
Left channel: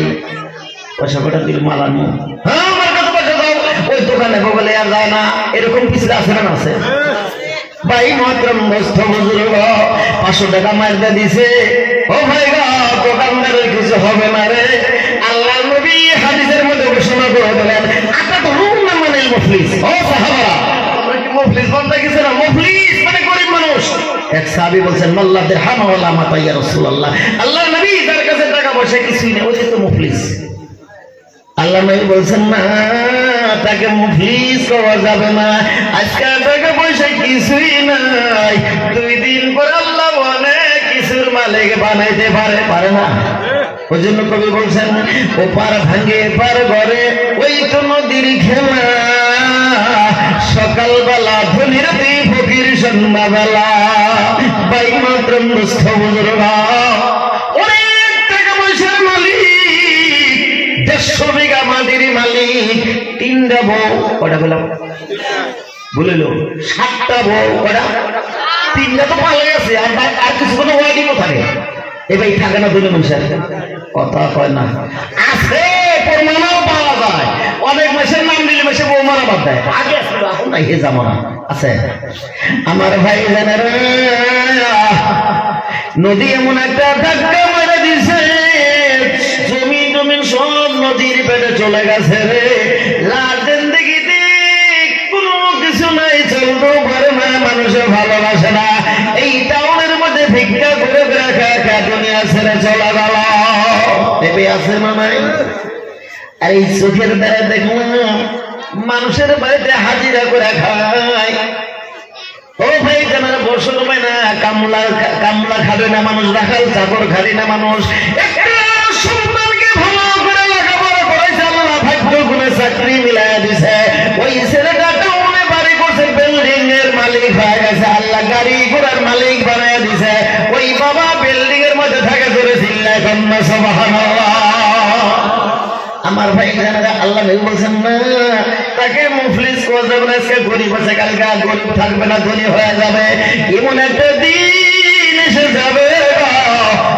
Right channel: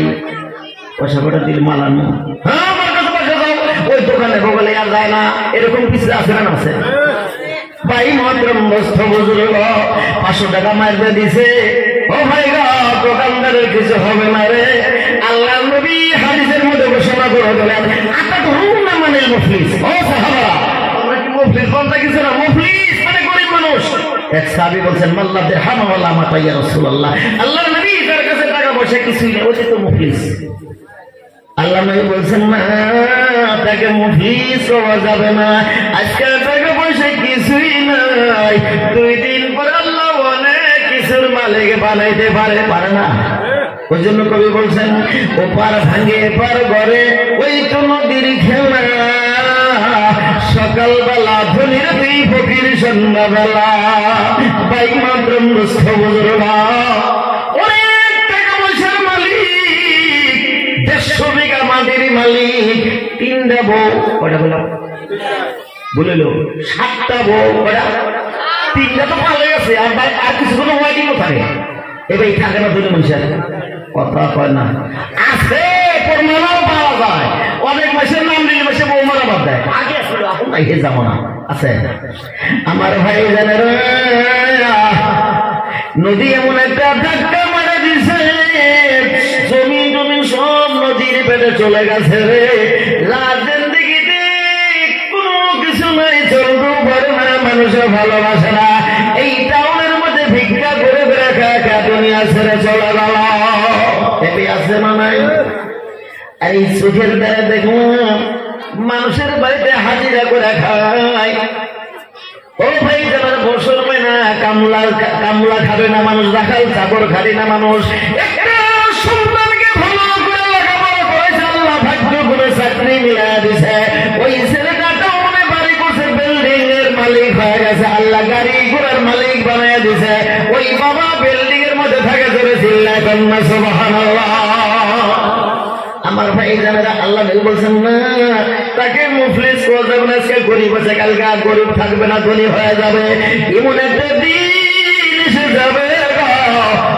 পয়সা কটা দিল মালানো, হ্যাঁ আমার কাছে পয়সা দাও, ওই দোকানে বলে আর যায় না, এরকম কিছু আছে না? আছে ভাই মাত্র মুস্তাফিজুরা 500 টাকা মাইরা দিছে। ও ভাই গো, দোকানদারের কিছু হবে না রে। আল্লাহর নবী হাদিসের মধ্যে ঘোষণা করে দিলেন, আপনারা তো মুমিন মানে মুফলিস। ও সাহাবারা, আমরা কি মুফলিস বলতে কিছু না? মুফলিস মানে গরিব মানুষ। এক সাহাবী বলছেন, মাল্লা দিরহাম ওয়ালা মাতা ইয়া রাসূলুল্লাহ, আল্লাহর নবী যার কাছে টাকা পয়সা কিছুই নেই, ও তো মুফলিস। আল্লাহ নবী বলছেন, না, তাকে মুফলিস হওয়া যাবে না। আজকে টাকা পয়সা কিছুই নাই, 2 দিন পর আল্লাহ অনেক কিছুর মালিক বানাইতে পারে, পারে না? ওই জন্য কবি বলছেন, ও পার ভাঙে পার ঘরে ওই তো নদীর খেলা, সকালবেলা ধনির দুই ফকির সন্ধ্যাবেলা। বাই মাত্র মুস্তাফিজুরা, অনেক টাকা পয়সার মালিক, 150 বিঘা মাটির মালিক, 3টা বউ, কটা বললাম বলিল 7টা বউ, কটা? 3টা তো পালাই আছে, আর কিছু কোনো ওয়াইডি কোথায়? এবার থাকে না বলে মানুষের কথা কয় না, আছে প্রমাণও পাওয়া যায়। অনেক মাসের নাম দিলে মাসে বউ মারা বাদ দেয়, আগে আসলে এখন নাই, এ যাবো না আছে। আমার ভাই জানেন, নদী এমন একটা ধাক্কা মারা দিছে, জমিন জমিন সব নদীর পেটে চলে গেছে রে। লাদেন দিকে কোনো কিছু নাই, চলতেও পারে না, মানুষের ভালোবাসে না। এই টাউনের মধ্যে ভিক্ষা করে বেড়া দুনিয়া ছেড়ে চলে যাওয়া, এতে আছে না নাই? এই চোখের দ্বারা দেখুন মানুষের বাড়িতে হাজিরা করে খায়। ও ভাই, যারা বসল হয় না, কামলা খাবে না মানুষ, রাখাল চাকর খাবে না মানুষ। একটা সন্তানকে ভালো করে লেখাপড়া করেছে, আল্লাহ ভাগ্য করে চাকরি মিলাই দিছে, ওই ছেলেটা টাউনে বাড়ি করছে, বিল্ডিং এর মালিক হয়ে গেছে, আল্লাহ গাড়ি ঘোড়ার মালিক বানিয়ে দিছে। ওই বাবা বিল্ডিং এর মধ্যে থাকে, ধরে চিল্লা কন্যা সুবহানাল্লাহ। আমার ভাই জানেরা, আল্লাহ নবী বলছেন না, তাকে মুফলিস করবে না, সে গরিব আছে, কালকে আর গরিব থাকবে না, ধনী হয়ে যাবে। এমন একটা দিন এসে যাবে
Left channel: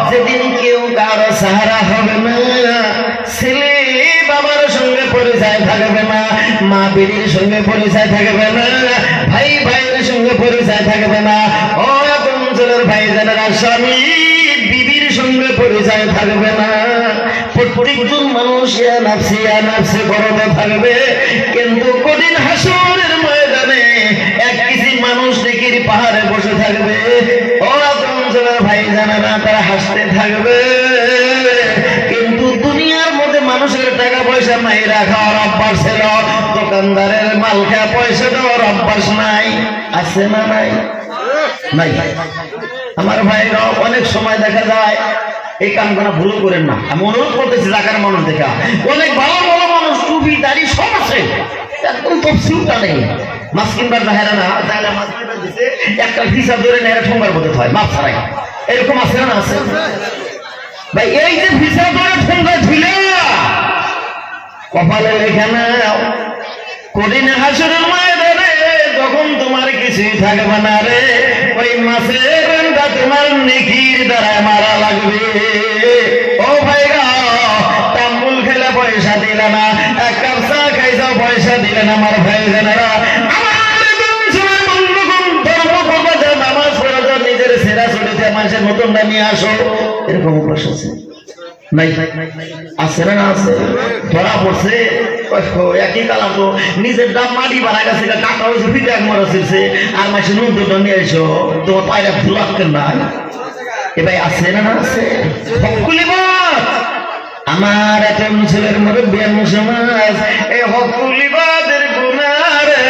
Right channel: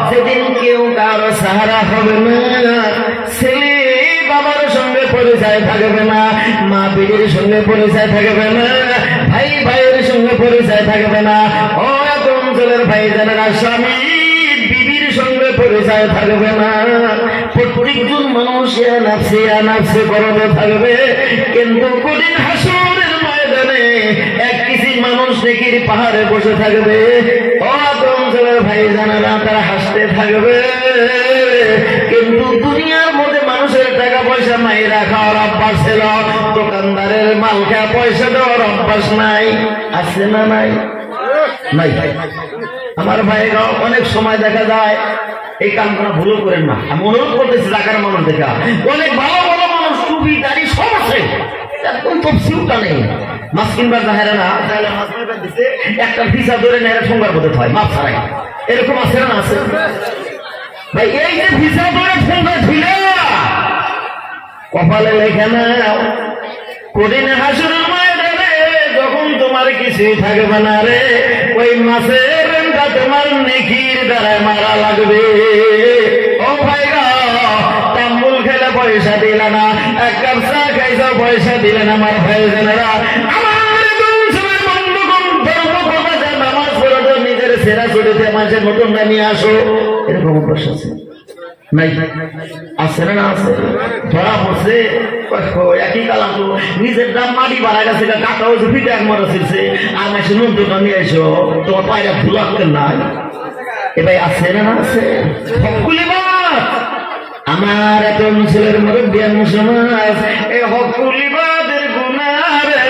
যেদিন কেউ কারো সাহারা হবে না, ছেলে বাবার সঙ্গে পরিচয় থাকবে না, মা বিবির সঙ্গে পরিচয় থাকবে না, ভাই ভাইয়ের সঙ্গে পরিচয় থাকবে না। ও অঞ্চলের ভাই জানেরা, স্বামী বিবির সঙ্গে পরিচয় থাকবে না। প্রত্যেকজন মানুষ নাফসে করতে থাকবে, কিন্তু কঠিন হাসরের ময়দানে এক কিছু মানুষ নেকির পাহাড়ে বসে থাকবে। ও অঞ্চলের ভাই জানেরা, তারা হাসতে থাকবে, কিন্তু দুনিয়ার মধ্যে মানুষের টাকা পয়সা নাই, রাখার অভ্যাস ছিল, দোকানদারের মালকা পয়সা দেওয়ার অভ্যাস নাই। আছে না নাই? নাই। আমার ভাইরা অনেক সময় দেখা যায় এই কামগুলো ভুল করেন না। আমি অনুরোধ করতেছি ঢাকার মানুষ দেখা, অনেক ভালো ভালো মানুষ, টুপি দাড়ি সব আছে, একদম তফসিলটা নেই। মাছ কিনবার জাহেরা না, তাহলে মাছ মারবার দিচ্ছে, একটা ভিসা ধরে নেয় ঠোঙ্গার মধ্যে হয়, মাছ ছাড়াই। এরকম আছে না? আছে ভাই। এই যে ভিসা ধরে ঠোঙ্গা ছিল, কপালে লেখে না, কঠিন হাসরের ময়দানে যখন তোমার কিছুই থাকবে না রে, ওই মাছের তোমার নেকির দ্বারা মারা লাগবে। ও ভাইরা, তাম্বুল খেলে পয়সা দিলে না, এক কাপ চা খাইছ পয়সা দিলে না, আমার ভাই জানেরা, নামাজ পড়া তো নিজের সেরা ছুটিতে মানুষের নতুন নিয়ে আসো, এরকম প্রশ্ন আছে নাই? আছে না? আছে। ধরা পড়ছে একই কালা, তো নিজের দাম মাটি বাড়া গেছে, টাকা হয়েছে, পিঠে এক মরা ছিলছে, আর মাসে নতুন নিয়ে এসো, তোমার পায়রা ফুল আটকেন নাই। এ ভাই আছে না? আছে। আমার এত ছেলের মুরব্বী সমাজ, এ হকুলিবাদের গুনারে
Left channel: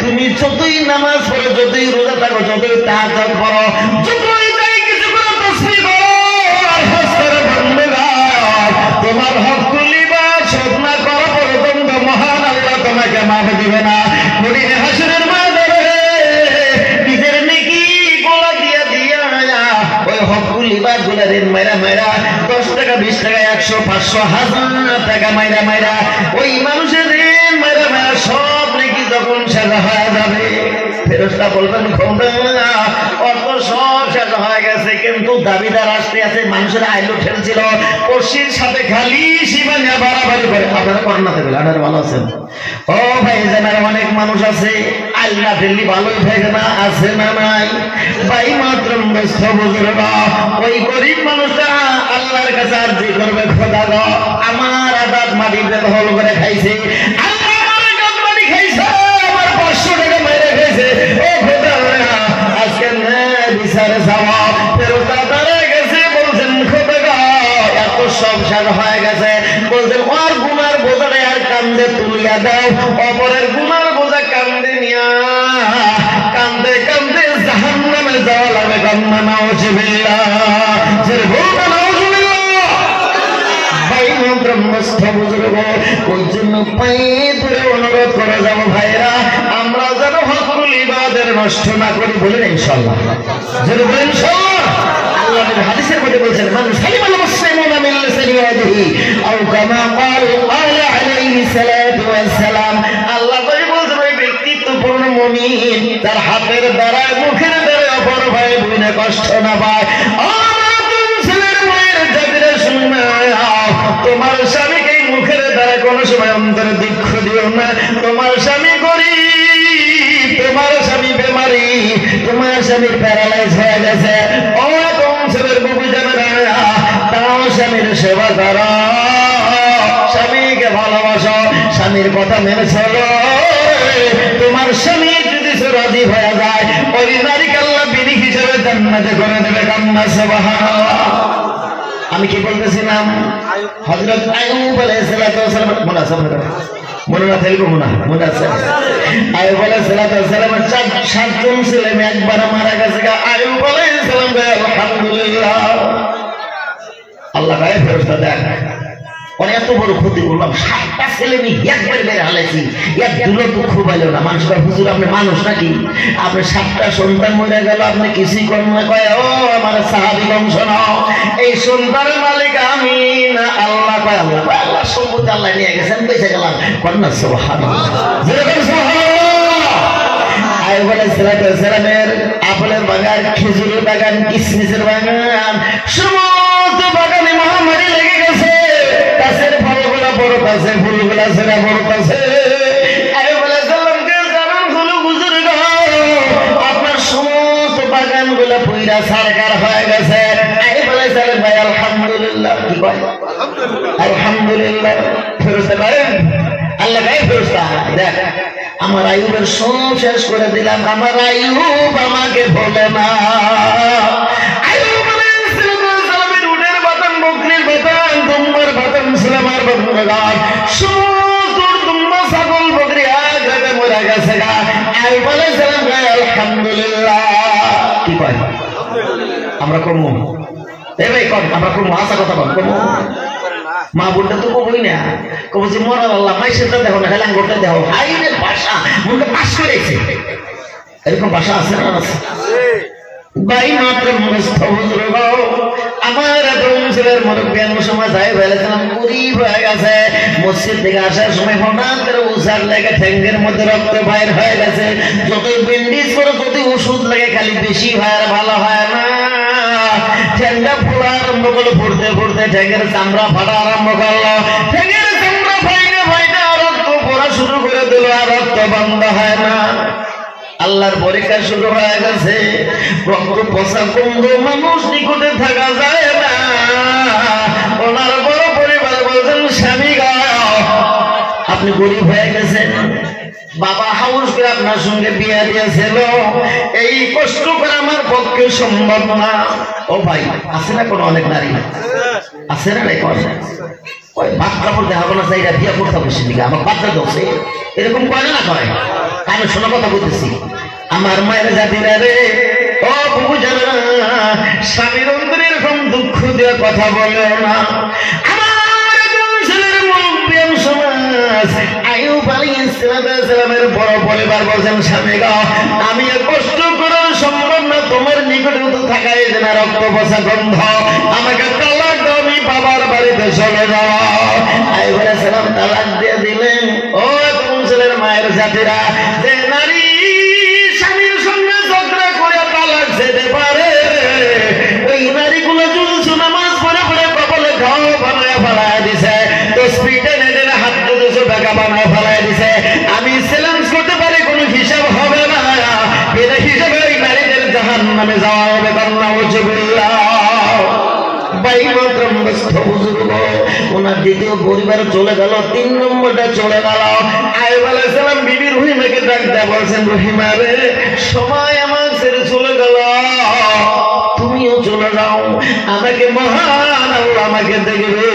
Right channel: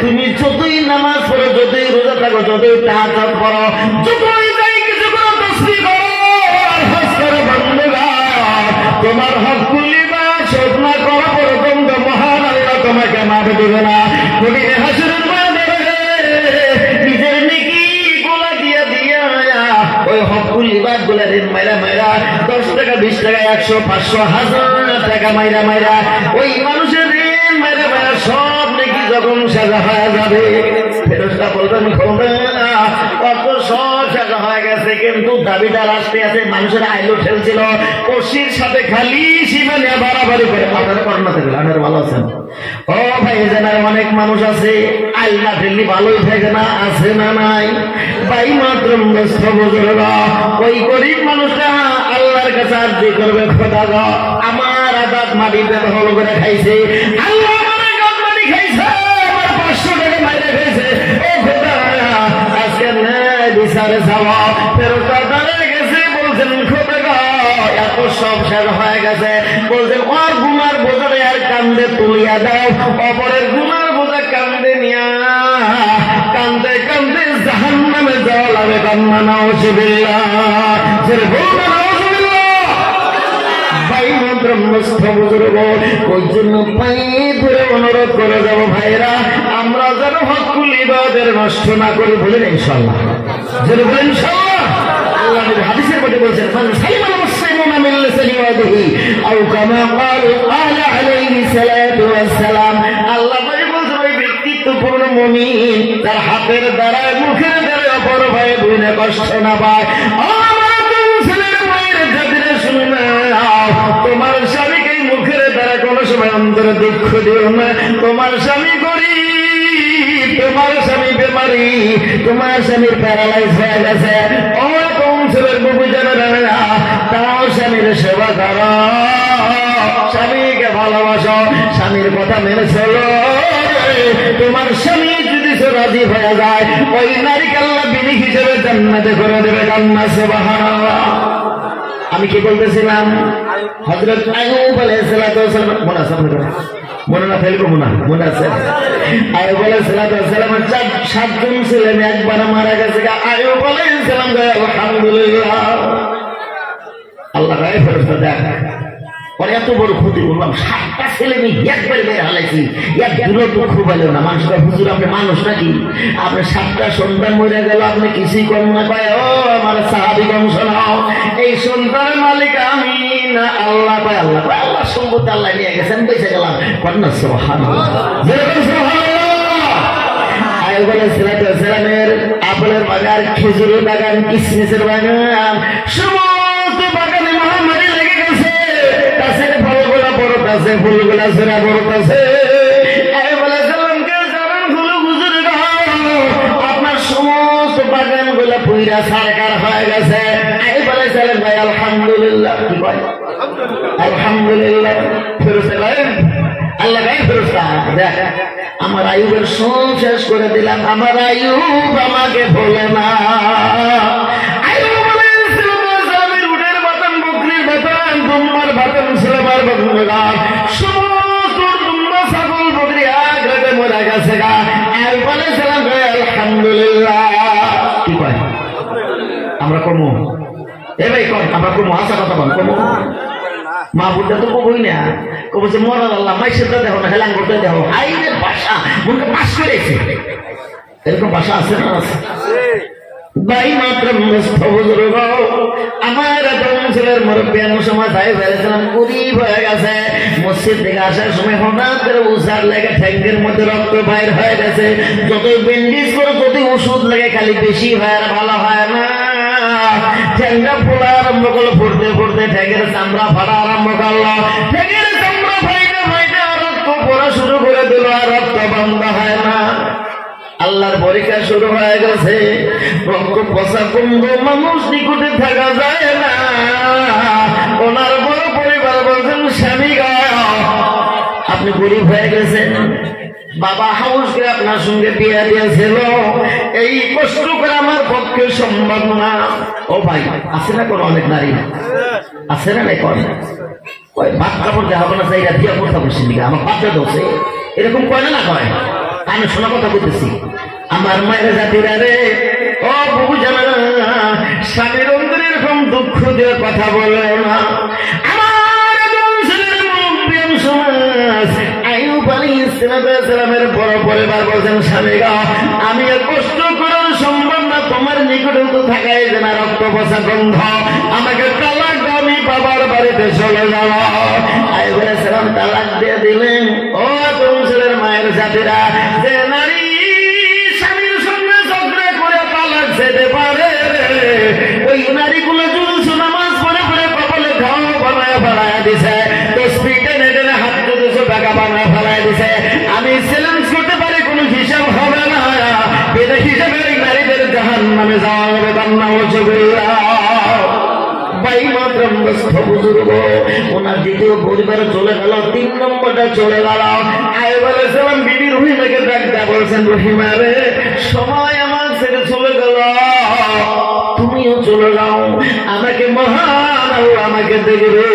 তুমি যতই নামাজ পড়ো, যতই রোজা থাকো, যতই তাহাজ্জুদ পড়ো, যতই যাই কিছু করো, তাসবিহ করো, হজ করো, তোমার হকুলিবাদ শোধ না করা পর্যন্ত মহান আল্লাহ তোমাকে মাফ দিবে না। কঠিন হাসরের ময়দানে নিজের নেকি গোলা দিয়া ওই হকুলিবাদ গুলা ঋণ মাইরা 10 টাকা 20 টাকা 100 500 1000 টাকা মাইরা ওই মানুষের ঋণ মাইরা সব নেকি যখন সাজা হয়ে যাবে, ফেরেশতা বলবেন না, অত সব সাজা হয়ে গেছে, কিন্তু দাবিদার আসতে আছে, মানুষের আইলো ঠেলছিল, কর্ষির সাথে খালি সীমানে বাড়াবাড়ি করে। আপনারা করোনা থেকে আপনারা ভালো আছেন? ও ভাই জানার অনেক মানুষ আছে আল্লাহ ঠেললি ভালোই থাকে না, আছে না নাই? ভাই মাত্র ওই গরিব মানুষটা আল্লাহর কাছে আরজি করবে, খোদা গো আমার আদাত মাটিতে দখল করে খাইছে, আল্লাহ আমার গান মাটি খাইছে, আমার 500 টাকা মাইরে খাইছে, ও খোদা আজকে বিচারে যাওয়া ফেরত ধরে গেছে, বলছেন খোদা গো এত সব শেষ হয়ে গেছে, বলছেন ওর গুনার বোঝাটা আর কান্দে তুলিয়া দাও, অপরের গুনার বোঝা কান্দে নিয়া কান্দে কান্দে জাহান্নামে যাওয়া লাগে। কান্না নাউজুবিল্লাহ, জেরে বলবেন নাউজুবিল্লাহ। ভাই ব্রহ্মস্থ বুজুর্গ, ওই জন্য পায়ে ধরে অনুরোধ করে যাব ভাইরা, আমরা যেন হকুল ইবাদের নষ্ট না করি, বলেন ইনশাআল্লাহ, জেরে বলেন ইনশাআল্লাহ। আল্লাহ নবী হাদিসের মধ্যে বলেছেন, মান সালিমাল মুসলিমুনা মিন লিসানি ওয়া ইয়াদিহি আও কামা ক্বালা আলাইহি সালাতু ওয়াস সালাম। আল্লাহ নবী বলেছেন, ওই ব্যক্তিত্বপূর্ণ মুমিন তার হাতের দ্বারায় মুখের দ্বারায় অপর ভাই বোনে কষ্ট না পায়। তোমার স্বামীকে মুখের দ্বারা কোন সময় অন্তরে দুঃখ দিও না, তোমার স্বামী গরিব, তোমার স্বামী বেমারি, তোমার স্বামীর প্যারালাইজ হয়ে গেছে, ও কোন ছেলের বুবু জানে না, তাও স্বামীর সেবা করো, স্বামীকে ভালোবাসো, স্বামীর কথা মেনে চলো। তোমার স্বামী যদি রাজি হয়ে যায়, ওই নারীকে আল্লাহ বিনি হিসেবে জান্নাতে করে দেবে। কান্না সুবহানাল্লাহ। আমি কি বলতেছিলাম? হযরত আইয়ুব আলাইহিস সালাম, মনে আছে? মনে না থাকলে মনে আছে? আইয়ুব আলাইহিস সালাম 7জন ছেলে মেয়ে একবার মারা গেছে। আইয়ুব আলাইহিস সালাম আলহামদুলিল্লাহ, আল্লাহ গায়ে ফেরেশতা দেখ, এত বড় ক্ষতি করলাম, 7টা ছেলে মেয়ে একবারে মেরে হালাইছি, এক দুটো দুঃখ পাইল না। মানুষ কয় হুজুর আপনি মানুষ নাকি, আপনি 7টা সন্তান মরে গেল, আপনি কিছুই কম না পায়। ও আমার সাহাবীগণ শোনো, এই সন্তানের মালিক আমি না আল্লাহ। পায় আল্লাহ, আল্লাহ সম্পত্তি আল্লাহ নিয়ে গেছেন, বেঁচে গেলাম। কন্যা সুবহানাল্লাহ, সুবহানাল্লাহ। আইয়ুব আলাইহিস সালামের আপেলের বাগান, খেজুরের বাগান, কিশমিশের বাগান, সমস্ত বাগানে মহামারী লেগে গেছে, গাছের ফলগুলা বড় গাছে, ফুলগুলা সেরা বড় গাছে। আপনার সমস্ত বাগান গুলো পুইরা সরকার হয়ে গেছে। ভাই আলহামদুলিল্লাহ, কি ভাই আইয়ুবের সব শেষ করে দিলাম, আমার আইয়ুব আমাকে বলে না। আমরা কমু এবার কম, আমরা কমু আসা কথা কম কমু মা বুড়টা তো কবই না, কব যে মরার আল্লাহ মাইসের দেখো না, হেলাং করতে দেখো আইনের ভাষা মুখে পাশ করেছে, এরকম ভাষা আছে না? আছে ভাই মাত্র আমার ছেলের মুরব্বিয়ান সমাজ আই ফেলেছিলাম, গরিব হয়ে গেছে। মসজিদ থেকে আসার সময় হঠাৎ করে উষার লেগে ঠ্যাঙ্গের মধ্যে রক্ত বাইর হয়ে গেছে। যতই ব্যান্ডেজ করে যতই ওষুধ লেগে খালি বেশি হয় আর ভালো হয় না। ঠ্যাঙ্গা ফোড়া আরম্ভ করলো, ফুটতে ফুটতে ঠ্যাঙ্গের চামড়া ফাড়া আরম্ভ করলো। ঠ্যাঙ্গের চামড়া ফাইনা ফাইনা রক্ত পড়া শুরু করে দিল, আর রক্ত বন্ধ হয় না। আল্লাহর পরীক্ষা শুরু হয়ে গেছে। রক্ত পচা কুম্ভ মানুষ নিকটে থাকা যায় না। ওনার বড় পরিবার বলছেন, স্বামী গা আপনি গরিব হয়ে গেছেন, বাবা হাউস করে আপনার সঙ্গে বিয়ে দিয়েছিল, এই কষ্ট করে আমার পক্ষে সম্ভব না। ও ভাই আছে না কোনো অনেক নারী আছে না? নাই করে ওই ভাত কাপড় দেখাবো না, চাইরা বিয়ে করতে হবে সেদিকে আমার বাচ্চা দোষে এরকম করে না করে। আমি শোনা কথা বলতেছি, আমার মায়ের জাতিরা রে, ও বুবু জানা না, স্বামীর অন্তরে এরকম দুঃখ দিয়ে কথা বলে না। আমার ছেলের মুরব্বিয়ান সমাজ আইয়ুব আলাইহিস সালামের বড় পরিবার বলছেন, স্বামী গো আমি কষ্ট করে সম্ভব না, তোমার নিকটেও তো থাকাই যে না, রক্ত পচা গন্ধ, আমাকে তালাক দাও, আমি বাবার বাড়িতে চলে যাওয়া। আইয়ুব আলাইহিস সালাম তালাক দিয়ে দিলেন। ও কোন ছেলের মায়ের জাতিরা, যে নারী স্বামীর সঙ্গে ঝগড়া করে তালাক যেতে পারে, ওই নারীগুলো জুলুসু নামাজ পড়ে পড়ে কপালে ঘাও বানায় বানায় দিছে, তসবিহটা নেড়ে হাত 200 টাকা বানায় বানায় দিছে। আমি চ্যালেঞ্জ করতে পারি, কোনো হিসাব হবে না, বেদে হিসাবে ওই নারীদের জাহান্নামে যাওয়া হবে। বান্না ওয়াজবিল্লাহ ভাই মাতরম বস্তু বুজুর্গ, ওনার দ্বিতীয় পরিবার চলে গেল, 3 নম্বরটা চলে গেল। আইয়ুব আলাইহিস সালাম বিবি রহিমাকে ডাকতে বলছেন, রহিমা রে সবাই আমার ছেড়ে চলে গেল, তুমিও চলে যাও, আমাকে মহান আল্লাহ আমাকে দেখবে।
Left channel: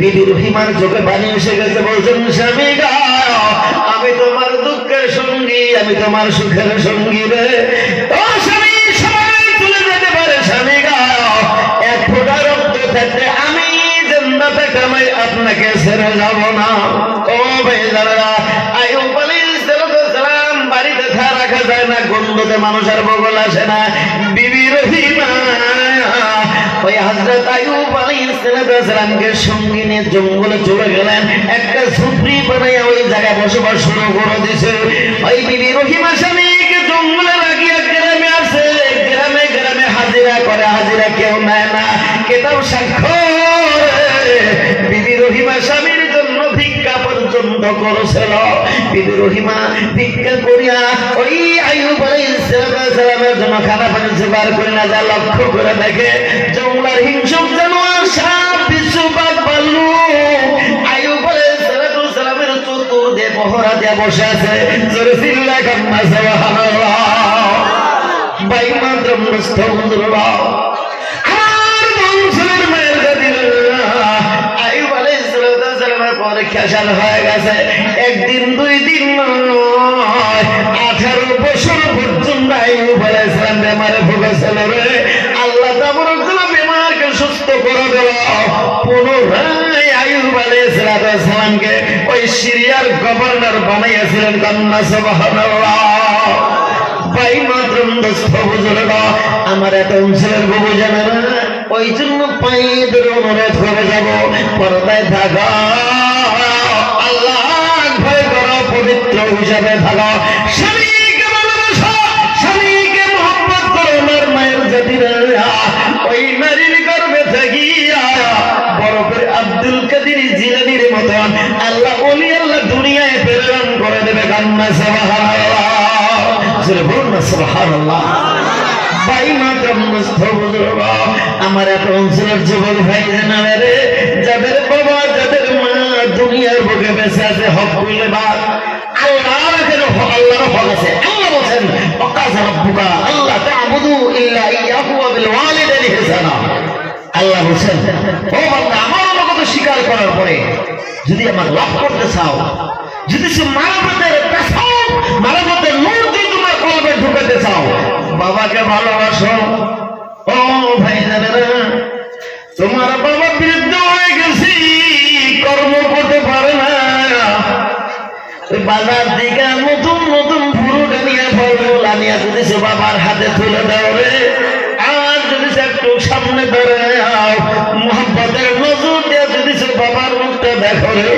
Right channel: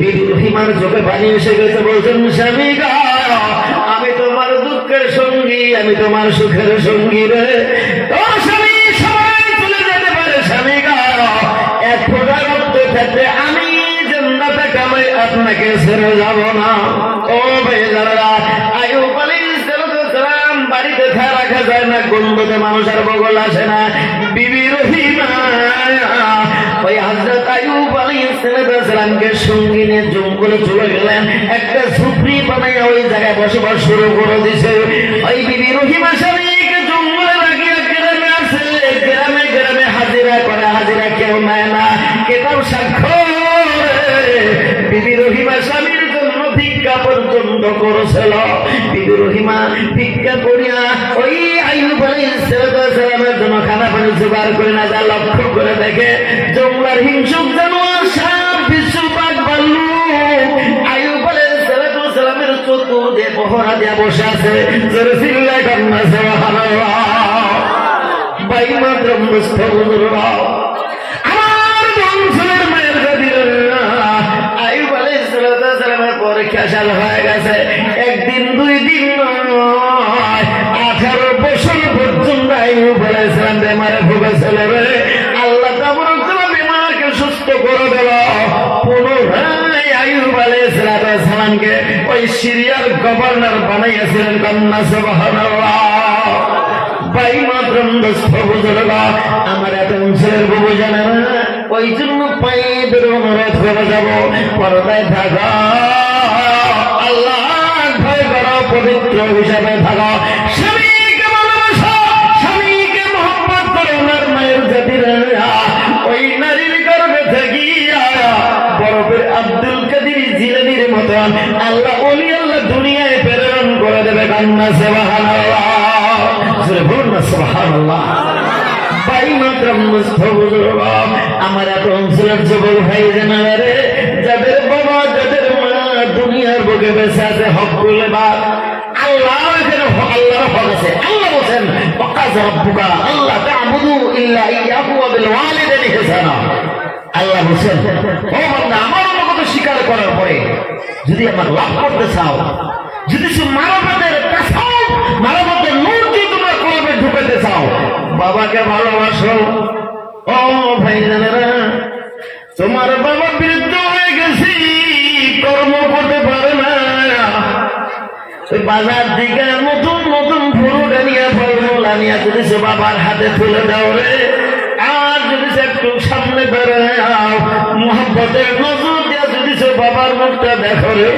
বিবি রহিমার চোখে পানি এসে গেছে, বলছেন, স্বামী গা আমি তোমার দুঃখের সঙ্গী, আমি তোমার সুখের সঙ্গী রে। ও স্বামী সবাই চলে যেতে পারে, স্বামী গা এক ফোঁটা রক্ত থাকতে আমি জান্নাতে কামাই আপনাকে ছেড়ে যাব না। ও বেজারা, আইয়ুব আলাইহিস সালাম বাড়িতে রাখা যায় না, গন্ধতে মানুষের বগল আসে না। বিবি রহিমা ওই হযরত আইয়ুব আলাইহিস সালামকে সঙ্গে নিয়ে জঙ্গলে চলে গেলেন, একটা ঝুপড়ি বানাইয়া ওই জায়গায় বসবাস শুরু করে দিয়েছে। ওই বিবি রহিমা স্বামীকে জঙ্গলে লাগিয়ে গ্রামে আসে, গ্রামে গ্রামে হাজিরা করে, হাজিরা কেউ নেয় না, কেতাব সাক্ষ্য বিবি রহিমা স্বামীর জন্য ভিক্ষা পর্যন্ত করেছিল। বিবি রহিমা ভিক্ষা করিয়া ওই আইয়ুব আলাইহিস সালামের জন্য খানা পানি জোগাড় করে না, যা লক্ষ্য করে দেখে জঙ্গলার হিংসুক জানোয়ার সাপ বিচ্ছু বাঘ ভাল্লুক আইয়ুব আলাইহিস সালামের চতুর্দিকে পহরা দিয়ে বসে আছে। জোরে চিল্লায় কান্না সুবহানাল্লাহ। ভাই মাতরম দোস্ত বুজুর্গ, পরীক্ষা হয়ে গেছে, একদিন 2 দিন নয়, 18 বছর পর্যন্ত আইয়ুব আলাইহিস সালাম বেমারে ভুগেছিল রে। আল্লাহ তাবারক ওয়া তাআলা বেমারকে সুস্থ করে দিল। পুনরায় আইয়ুব আলাইহিস সালামকে ওই সিরিয়ার গভর্নর বানাইয়াছিলেন। কান্না সুবহানাল্লাহ। ভাই মাতরম দোস্ত বুজুর্গ, আমার এত অঞ্চলের বুবু জানে না, ওই জন্য পায়ে ধরে অনুরোধ করে যাব, পর্দায় থাকা, আল্লাহ ভয় করো, পবিত্র হিসাবে থাকো, স্বামীকে ভালোবাসো, স্বামীকে মহব্বত করো। ওনার মায়ের জাতিরা ওই নারীর গর্ভে থাকিয়া বরফের আব্দুল কাদের জিলানীর মতন আল্লাহ ওলি আল্লাহ দুনিয়ায় প্রেরণ করে দেবে। কান্না সুবহানাল্লাহ। জোরে বলুন না সুবহানাল্লাহ। ভাই মাতরম দোস্ত বুজুর্গ, আমার এত অঞ্চলের যুবক ভাই জানা রে, যাদের বাবা যাদের মা দুনিয়ার বুকে বেঁচে আছে, হক বলে বা আল্লাহের হক করার পরে যদি আমার লাভ করতে চাও, যদি সে মানবতার পেছাও, মানবতার নূর যদি তোমার কলবে ঢুকাতে চাও, বাবাকে ভালোবাসো। ও ভাই জানেরা, তোমার বাবা বৃদ্ধ হয়ে গেছি, কর্ম করতে পারে না, বাজার দিকে নতুন নতুন ফুরুট আনিয়া ফলমূল আনিয়া যদি সে বাবার হাতে তুলে দাও রে, আর যদি সে একটু সামনে বেড়ায় মোহাম্মতের নজর দিয়ে যদি সে বাবার মুখটা দেখো রে,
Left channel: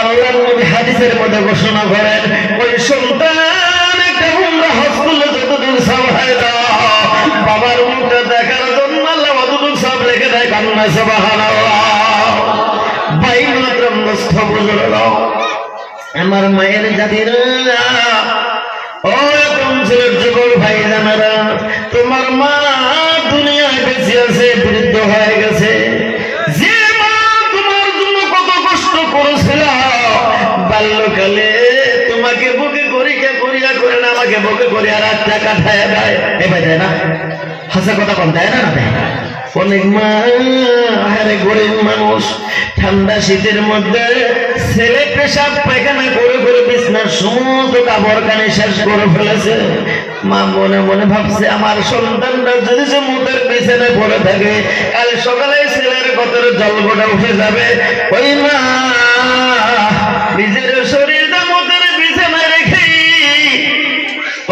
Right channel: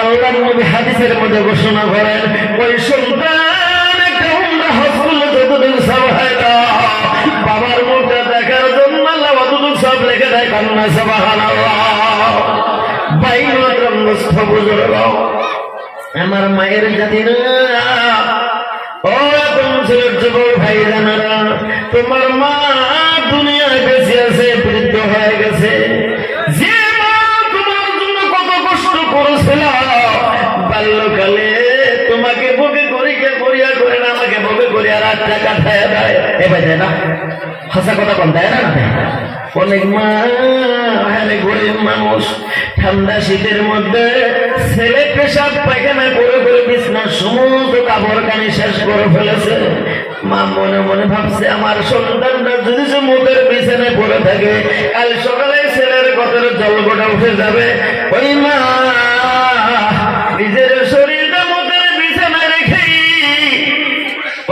আল্লাহর নবী হাদিসের মধ্যে ঘোষণা করেন, ওই সন্তান একটা উমরা হজ করলে যতটুকু সব হয় না, বাবার মুখটা দেখার জন্য আল্লাহ অতটুকু সব রেখে দেয়। কান্না সুবহানাল্লাহ। ভাই মাতরম নষ্ট বুঝলো, আমার মায়ের জাতিরা, ও তোমার যুবক ভাই জানারা, তোমার মা দুনিয়া বেঁচে আছে, বৃদ্ধ হয়ে গেছে। যে মা তোমার জন্য কত কষ্ট করেছিল বাল্যকালে, তোমাকে বুকে করিয়া করিয়া করে না, আমাকে বুকে করিয়া রাতটা কাটায় দেয়, এবার দেয় না, হাসা কথা কম দেয় না। অনেক মা গরিব মানুষ, ঠান্ডা শীতের মধ্যে ছেলে পেশাব পায়খানা করে করে বিছনার সমস্ত কাপড় কানি শেষ করে ফেলেছে। মা মনে মনে ভাবছে, আমার সন্তানটা যদি সে মুখের বিছানে পড়ে থাকে, কাল সকালে ছেলের কথার জলপটা উঠে যাবে। ওই মা নিজের শরীরটা মুখের বিছানায় রেখে,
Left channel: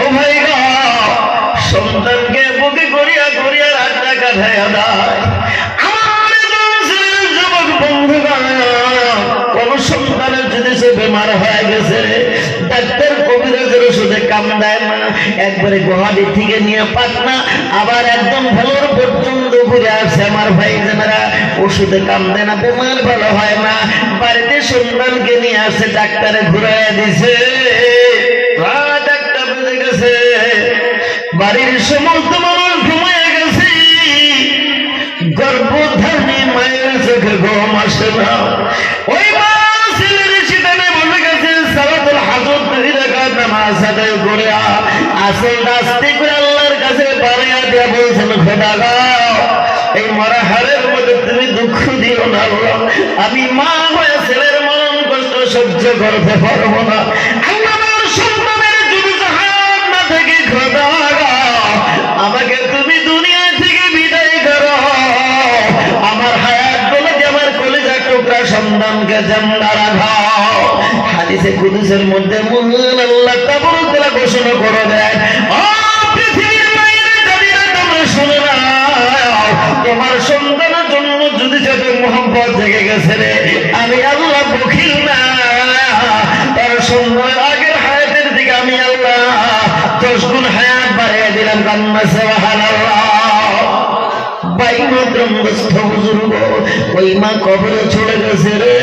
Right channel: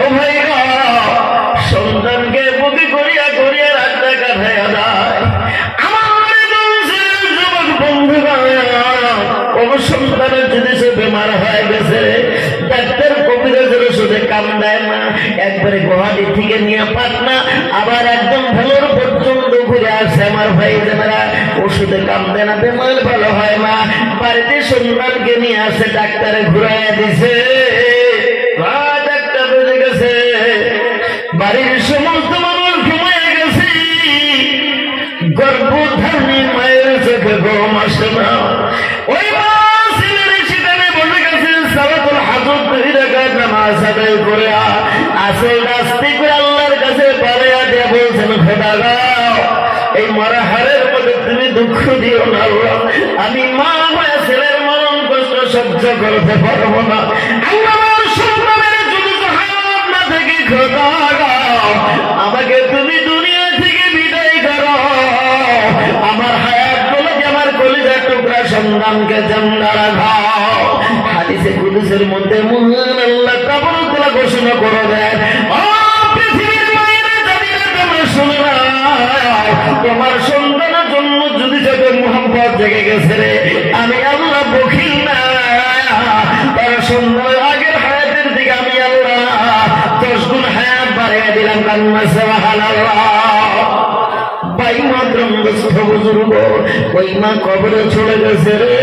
ও ভাই গো, সন্তানকে বুকে করিয়া করিয়া রাতটা কাটায় দেয়। সন্তানের যদি সে বেমার হয়ে গেছে, ডাক্তার কবিরাজের ওষুধে কাম দেয় না, একবারে গুয়াহাটি থেকে নিয়ে পাটনা, আবার একদম ভেলোর পর্যন্ত ঘুরে আসে। আমার ভাই জানেরা, ওষুধে কাম দেয় না, বেমার ভালো হয় না, বাড়িতে সন্তানকে নিয়ে আসে, ডাক্তারে ঘুরাইয়া দিছে, রাত 1টা বেজে গেছে, বাড়ির সমস্ত মানুষ ঘুমিয়ে গেছে, গর্ভধারী মায়ের চোখে ঘুম আসে না। ওই আল্লাহর কাছে বাড়াইয়া দিয়া বলছেন, এই মরা হারের মধ্যে তুমি দুঃখ দিও না, আমি মা হয়ে ছেলের মরণ কষ্ট সহ্য করতে পারবো না। আমাকে তুমি দুনিয়া থেকে বিদায় করো, আমার হায়াত বলে যে আমার কলিজার টুকরা সন্তানকে জিন্দা রাখাও। হাদিসে কুদসের মধ্যে মহান আল্লাহ তাবারক ঘোষণা করে দেন, তোমার সন্তানের জন্য যদি যাদের মোহাম্মত জেগে গেছে রে, আমি আল্লাহ বখিল না, তার সন্তানের আগের হায়াতের দিকে আমি আল্লাহ 10 গুণ হায়াত বাড়াইয়া দিলাম। কান্না সুবহানাল্লাহ। ভাই মাতরম দস্ত বুজুর্গ, ওই মা কবরে চলে গেছে রে,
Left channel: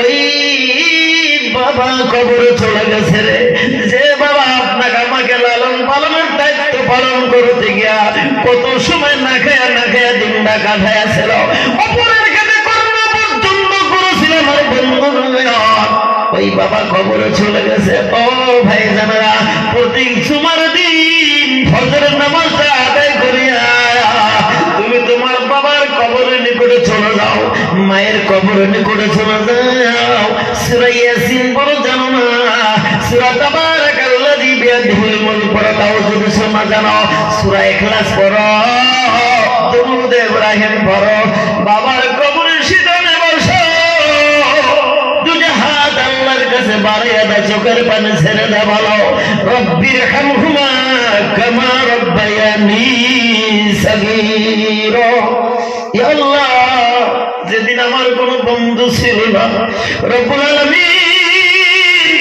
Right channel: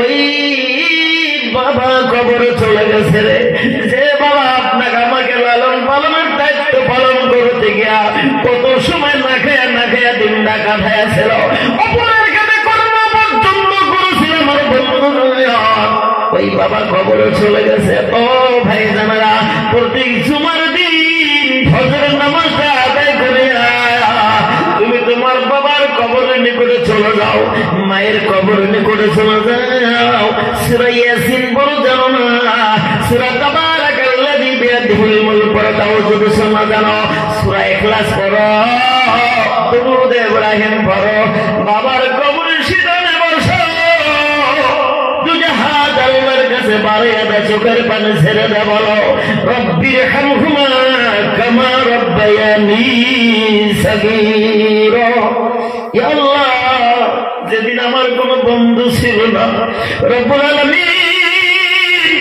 ওই বাবা কবরে চলে গেছে রে। যে বাবা আপনাকে আমাকে লালন পালনের দায়িত্ব পালন করতে গিয়া কত সময় না খেয়া দিনটা কাটাইয়াছিল, অপরের কাছে কর্ম পর্যন্ত করেছিল আমার বন্ধু, ওই বাবা কবরে চলে গেছে। ও ভাই জানারা, প্রতি জুমার দিন ফজরের নামাজটা আদায় করিয়া তুমি তোমার বাবার কবরের নিকটে চলে যাও, মায়ের কবরের নিকটে চলে যাও। সূরা ইয়াসিন বড় জানো না, সূরা তাবারাকাল্লাযী বিয়াদিহিল মুলক পড়ো, তাও যদি শোনা জানো, সূরা ইখলাস পড়ো, দুরূদ ইব্রাহিম পড়ো, বাবার কবরের সিদানে বসো, দুই হাত আল্লাহর কাছে বাড়াইয়া দাও, চোখের পানি ছেড়ে দাও, বলো রব্বিরহামহুমা কামা রাব্বায়ানি সাগীরা। ইয়া আল্লাহ, যেদিন আমার কোনো বন্ধু ছিল না, রব্বুল আলামিন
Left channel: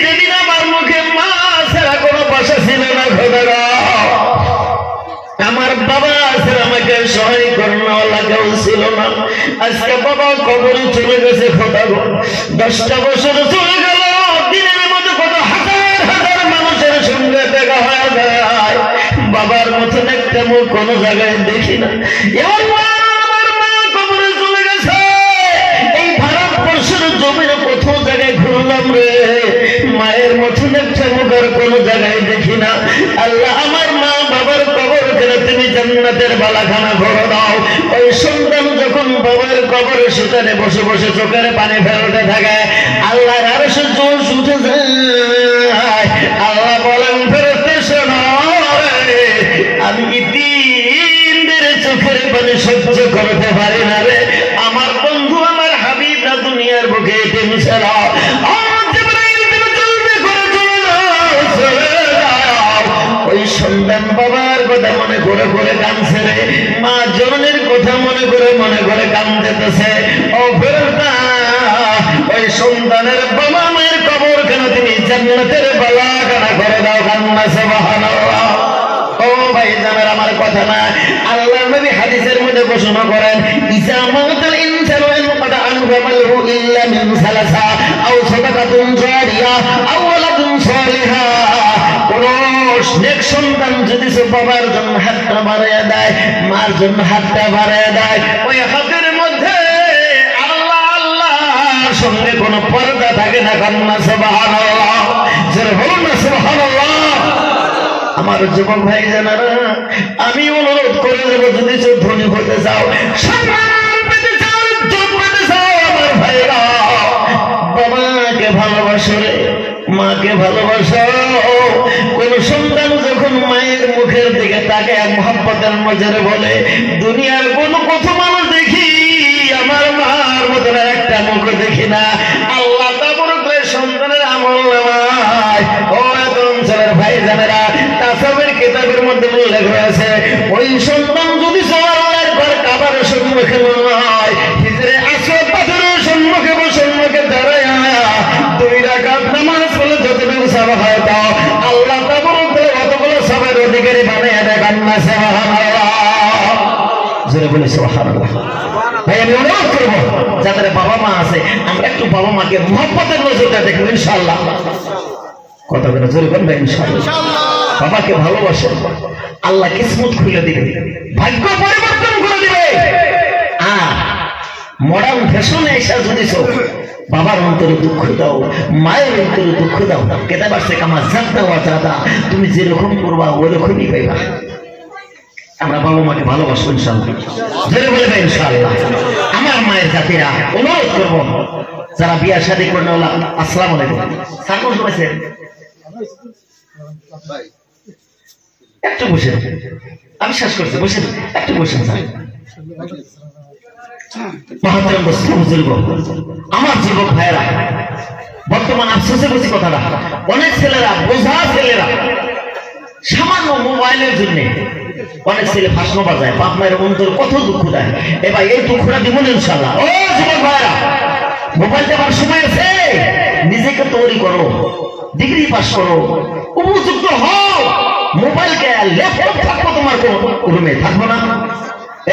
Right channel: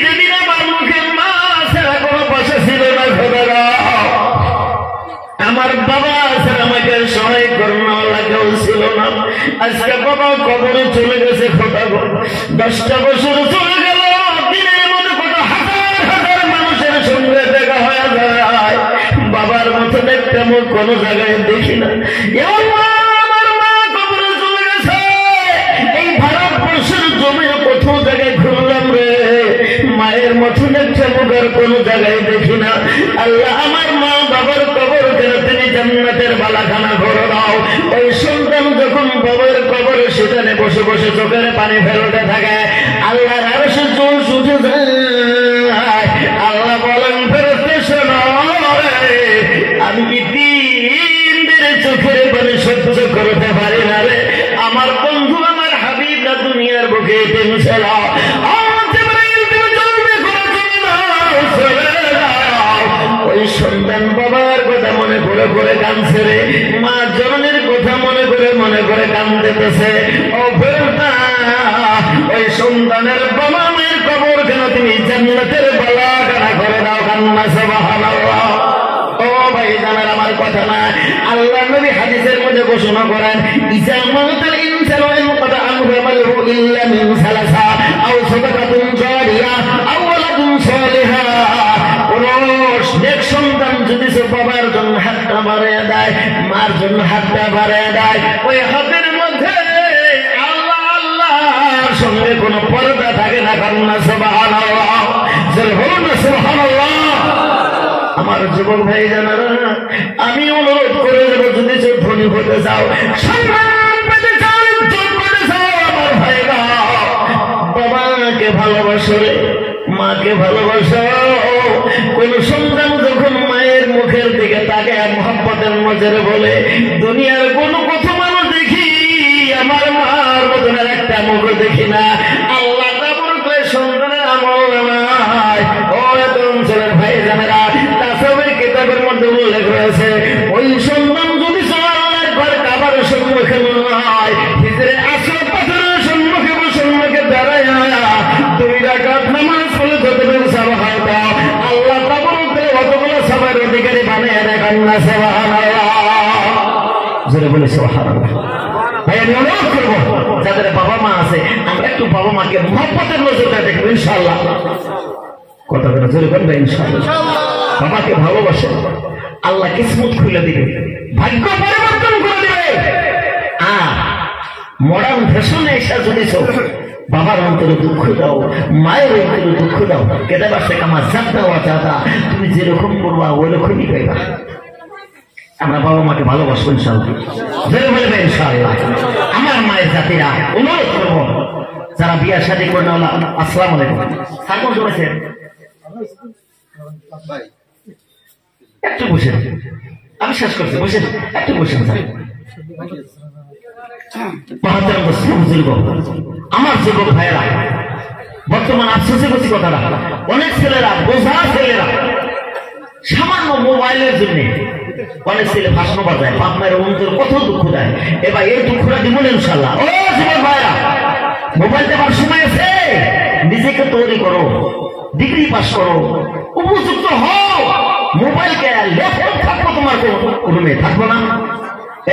যেদিন আমার মুখে মা ছাড়া কোনো ভাষা ছিল না, খোদা আমার বাবা ছাড়া আমাকে সহায় করোনা কেউ ছিল না, আজকে বাবা কবরে চলে গেছে, খোদা 10টা বছর চলে গেল, দিনের মধ্যে কত হাজার হাজার মানুষের সঙ্গে দেখা হয়ে যায়, বাবার মতো একটা মুখ কোনো জায়গায় দেখি না। মায়ের মতন একটা মুখের কোন জায়গায় দেখি না। আল্লাহ, আমার মা বাবার কবর করে তুমি জান্নাতের বালাখানা ভরে দাও। ওই সন্তান যখন বাবার কবরে সেখানে বসে বসে চোখের পানি ফেলে দুনিয়ার বুকে এতিম ছেড়া ওই সন্তান বাবার কথা মনে করে করে কাঁদছে রে, মা জননীর কথা মনে করে কাঁদতেছে। ও বেটা, ওই সন্তানের বাবা মায়ের কবর কেন তুমি জান্নাতের বালাখানা করে দাও, কান্না সুবহানাল্লাহ। ও ভাই জানার আমার কথা না, আল্লাহ নবী হাদিসের মধ্যে ঘোষণা করেন, ইজা মাতাল ইনসানু ইনকাদা আনহু মালহু ইল্লা মিন সালাসা আও সাদাকাতুন জারিয়া আও ওয়ালাদুন সালিহা। নেক সন্তান যদি সে বাবার জন্য হাতটা বাড়াইয়া দেয়, মার জন্য হাতটা বাড়াইয়া দেয়, ওই হাতের মধ্যে আল্লাহ আল্লাহর সঙ্গে কোনো পর্দা থাকে না, কান্না সুবহানাল্লাহ। যারা বলুন না সুবহানাল্লাহ। আমার যুবক ভাই জানারা, আমি অনুরোধ করে দেবো, যদি সে ধনী হতে যাও, আমার ভাইরা, বাবাকে ভালোবাসো রে, মাকে ভালোবাসো। কোন সন্তান যখন মায়ের মুখের দিকে তাকে মহব্বতের নজরে বলে, দুনিয়ার কোন কত মানুষ দেখি, আমার মার মতন একটা মুখ দেখি না, আল্লাহ তাবরক করে সন্তানের আমল নামায়। ও তরুণ ছেলের ভাই জানেরা, তাসাবের কিতাবের মধ্যে উল্লেখ রয়েছে, ওই সন্তান যদি সবার ঘর কাবার সম্মুখে নয়, হিজরে আসর পাথরের সম্মুখে সম্মুখে দাঁড়ায় 2 রাকাত নামাজ পড়লে যতটুকু সওয়াব হয়, আল্লাহ তাবরক করে অতগুলো সবার অধিকারী বানিয়ে দেয়, কান্না সুবহানাল্লাহ। জোরে বলে সুবহানাল্লাহ। ভাই আমি অনুরোধ করবো, যাদের বাবা মা আছে, আমরা একটু বাবা মাকে মহব্বতের নজরটা দেখবো ইনশাআল্লাহ। কথা করে জোরে বলবে ইনশাআল্লাহ। বাবাকে ভালোবাসে, আল্লাহ কিসমত খুলে দিবে, ভাগ্য পরিবর্তন করে দিবে। আর মডার্ন ফ্যাশনে এসে যদি বাবার অন্তরে দুঃখ দাও, মায়ের অন্তরে দুঃখ দাও, কেটে বাসে কামা জাত দেওয়া চাতা, তুমি যেরকম করবা ওরকমই পাইবা। আমরা বাবা মাকে ভালোবাসবো ইনশাআল্লাহ, জোরে বলবে ইনশাআল্লাহ। আমার মায়ের জাতিরা অনুরোধ করবো, যারা বিয়া শাদী করে না, আসসালামু আলাইকুম, সালাম শুনেছেন, একটু বসেন, আমি শেষ করছি, বসেন, একটু বসেন স্যার। আমার যুবক ভাইয়েরা, বর্তমান আফসোসের বেশি কথাটা, অনেক ছেলেরা, বোঝা ছেলেরা, সামান্য মোবাইলের জন্য অনেক ছেলে ভাষণ বাজায়, বাপ মায়ের অন্তর কত দুঃখ দেয়। এবার এই দুঃখটা দিব না ইনশাআল্লাহ। ও যুবক ভাইয়েরা, মোবাইল দেখার সময় আছে, নিজেকে তৈরি করো, ডিগ্রি পাস করো, উপযুক্ত হও। মোবাইলকে ল্যাপটপ থাকবো তোমার রুমে, থাকবো না?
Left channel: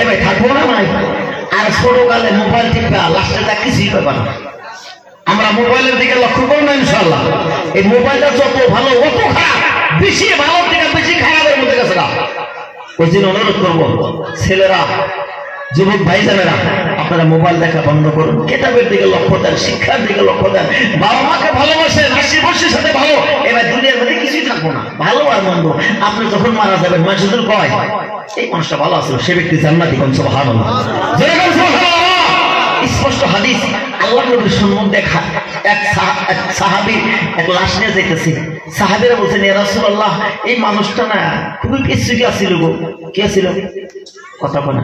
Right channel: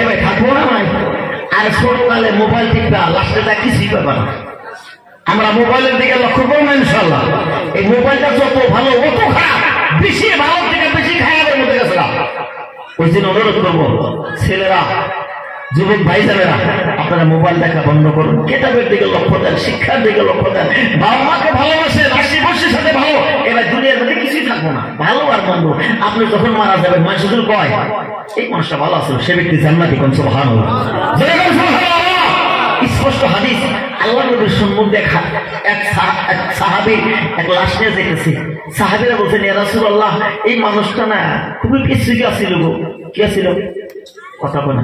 এবার থাকবো না নাই? আর ছোটকালে মোবাইল টিপা, লাস্টে তা কিছুই ব্যাপার না। আমরা মোবাইলের দিকে লক্ষ্য করবো না ইনশাআল্লাহ। এই মোবাইলটা যত ভালো, অত খারাপ, বেশি ভালো থেকে বেশি খারাপের মধ্যে গেছে না। ওই জন্য অনুরোধ করবো, ছেলেরা, যুবক ভাই জানেরা, আপনারা মোবাইল দেখা বন্ধ করুন, কিতাবের দিকে লক্ষ্য দেন, শিক্ষার দিকে লক্ষ্য দেন, বাবা মাকে ভালোবাসেন, হাসি খুশির সাথে ভালো। এবার দুনিয়ার মধ্যে কিছুই থাকবো না, ভালো আর মন্দ। আপনি যখন মারা যাবেন, মানুষ শুধু কয় এই মানুষটা ভালো আছে, সে ব্যক্তি জান্নাতি, কোন সুবহানাল্লাহ। স্পষ্ট হাদিস, আল্লাহ নবীর সম্মুখ দেখা এক সাহাবীর এক লাশ নিয়ে যেতেছে। সাহাবীরা বলছেন, ইয়া রাসূলুল্লাহ, এই মানুষটা না খুবই পিছুকে আসছিল গো। কি আসছিল? কথা বলে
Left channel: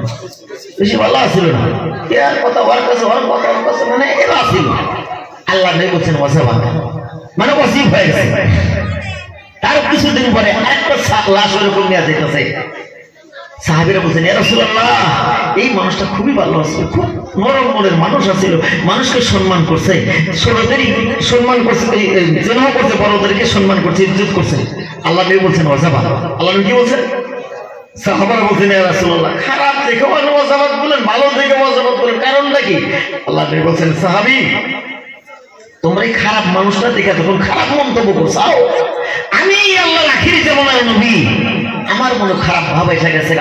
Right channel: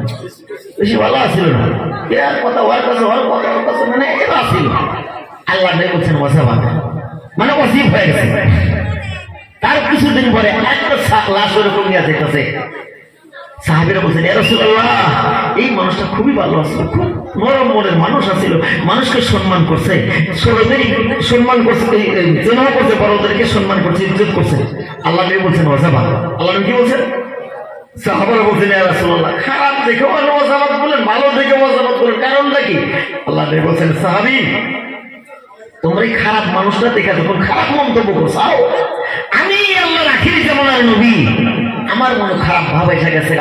বেশি ভালো আসছিল না, কথা মানে এবার আসছিল। আল্লাহ নবী বলছেন, মানে ওয়াজিব হয়ে গেছে। তার কিছুদিন পরে একটা লাশ ওর উপর নিয়ে যেতেছে। সাহাবীরা বলছেন, ইয়া রাসূলুল্লাহ, এই মানুষটা খুবই ভালো আছিল, খুব নরম মনের মানুষ আছিল, মানুষকে সম্মান করছে, ছোটদেরই সম্মান করছে, জেনাও করছে, বড়দেরকে সম্মান করছে, ইজ্জত করছে। আল্লাহ নবী বলছেন ওয়াজাবা। আল্লাহ নবী কি বলছেন? সাহাবারা বলছেন, ইয়া রাসূলুল্লাহ, খারাপ দেখে ওয়াজাবাত বলেন, ভালো দেখে ওয়াজাবাত বলেন, কারণটা কি? আল্লাহ নবী বলছেন, সাহাবী, তোমরা এই খারাপ মানুষটা দেখে যখন খারাপ মন্তব্য করছো, আমি আল্লাহর আখিরি জামানার নবী, আমার মনে খারাপ ভাব এসে গেছে,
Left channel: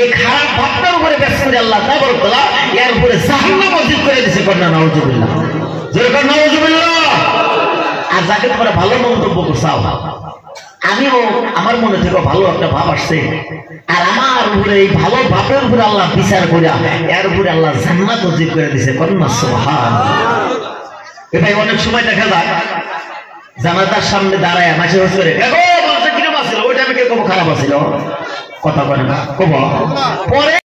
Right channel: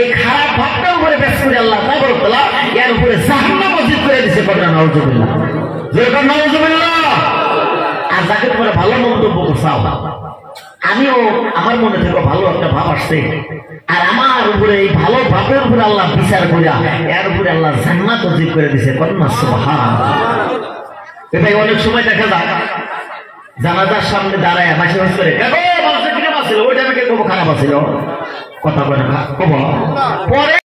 এই খারাপ ভাবটার উপরে ব্যস্ত করে আল্লাহ তাবারক ওয়া তাআলা এর উপরে জাহান্নাম ওয়াজিব করে দিয়েছে। করেন নাউজুবিল্লাহ, যেরকম নাউজুবিল্লাহ। আর যাকে তোমরা ভালো মন্তব্য করছো, আমিও আমার মনে থেকে ভালো একটা ভাব আসছে, আর আমার উপরে এই ভালো ভাবের উপরে আল্লাহ বিচার করে এর উপরে আল্লাহ জান্নাত ওয়াজিব করে দিয়েছে। করেন না সুবহানাল্লাহ। এটাই অনেক সময় দেখা যায় জানাজার সামনে দাঁড়ায় মাসে করে, মানুষের কিরকম আছিল, ওইটা আমি কে খারাপ আছিল, কথা বলে না, পরে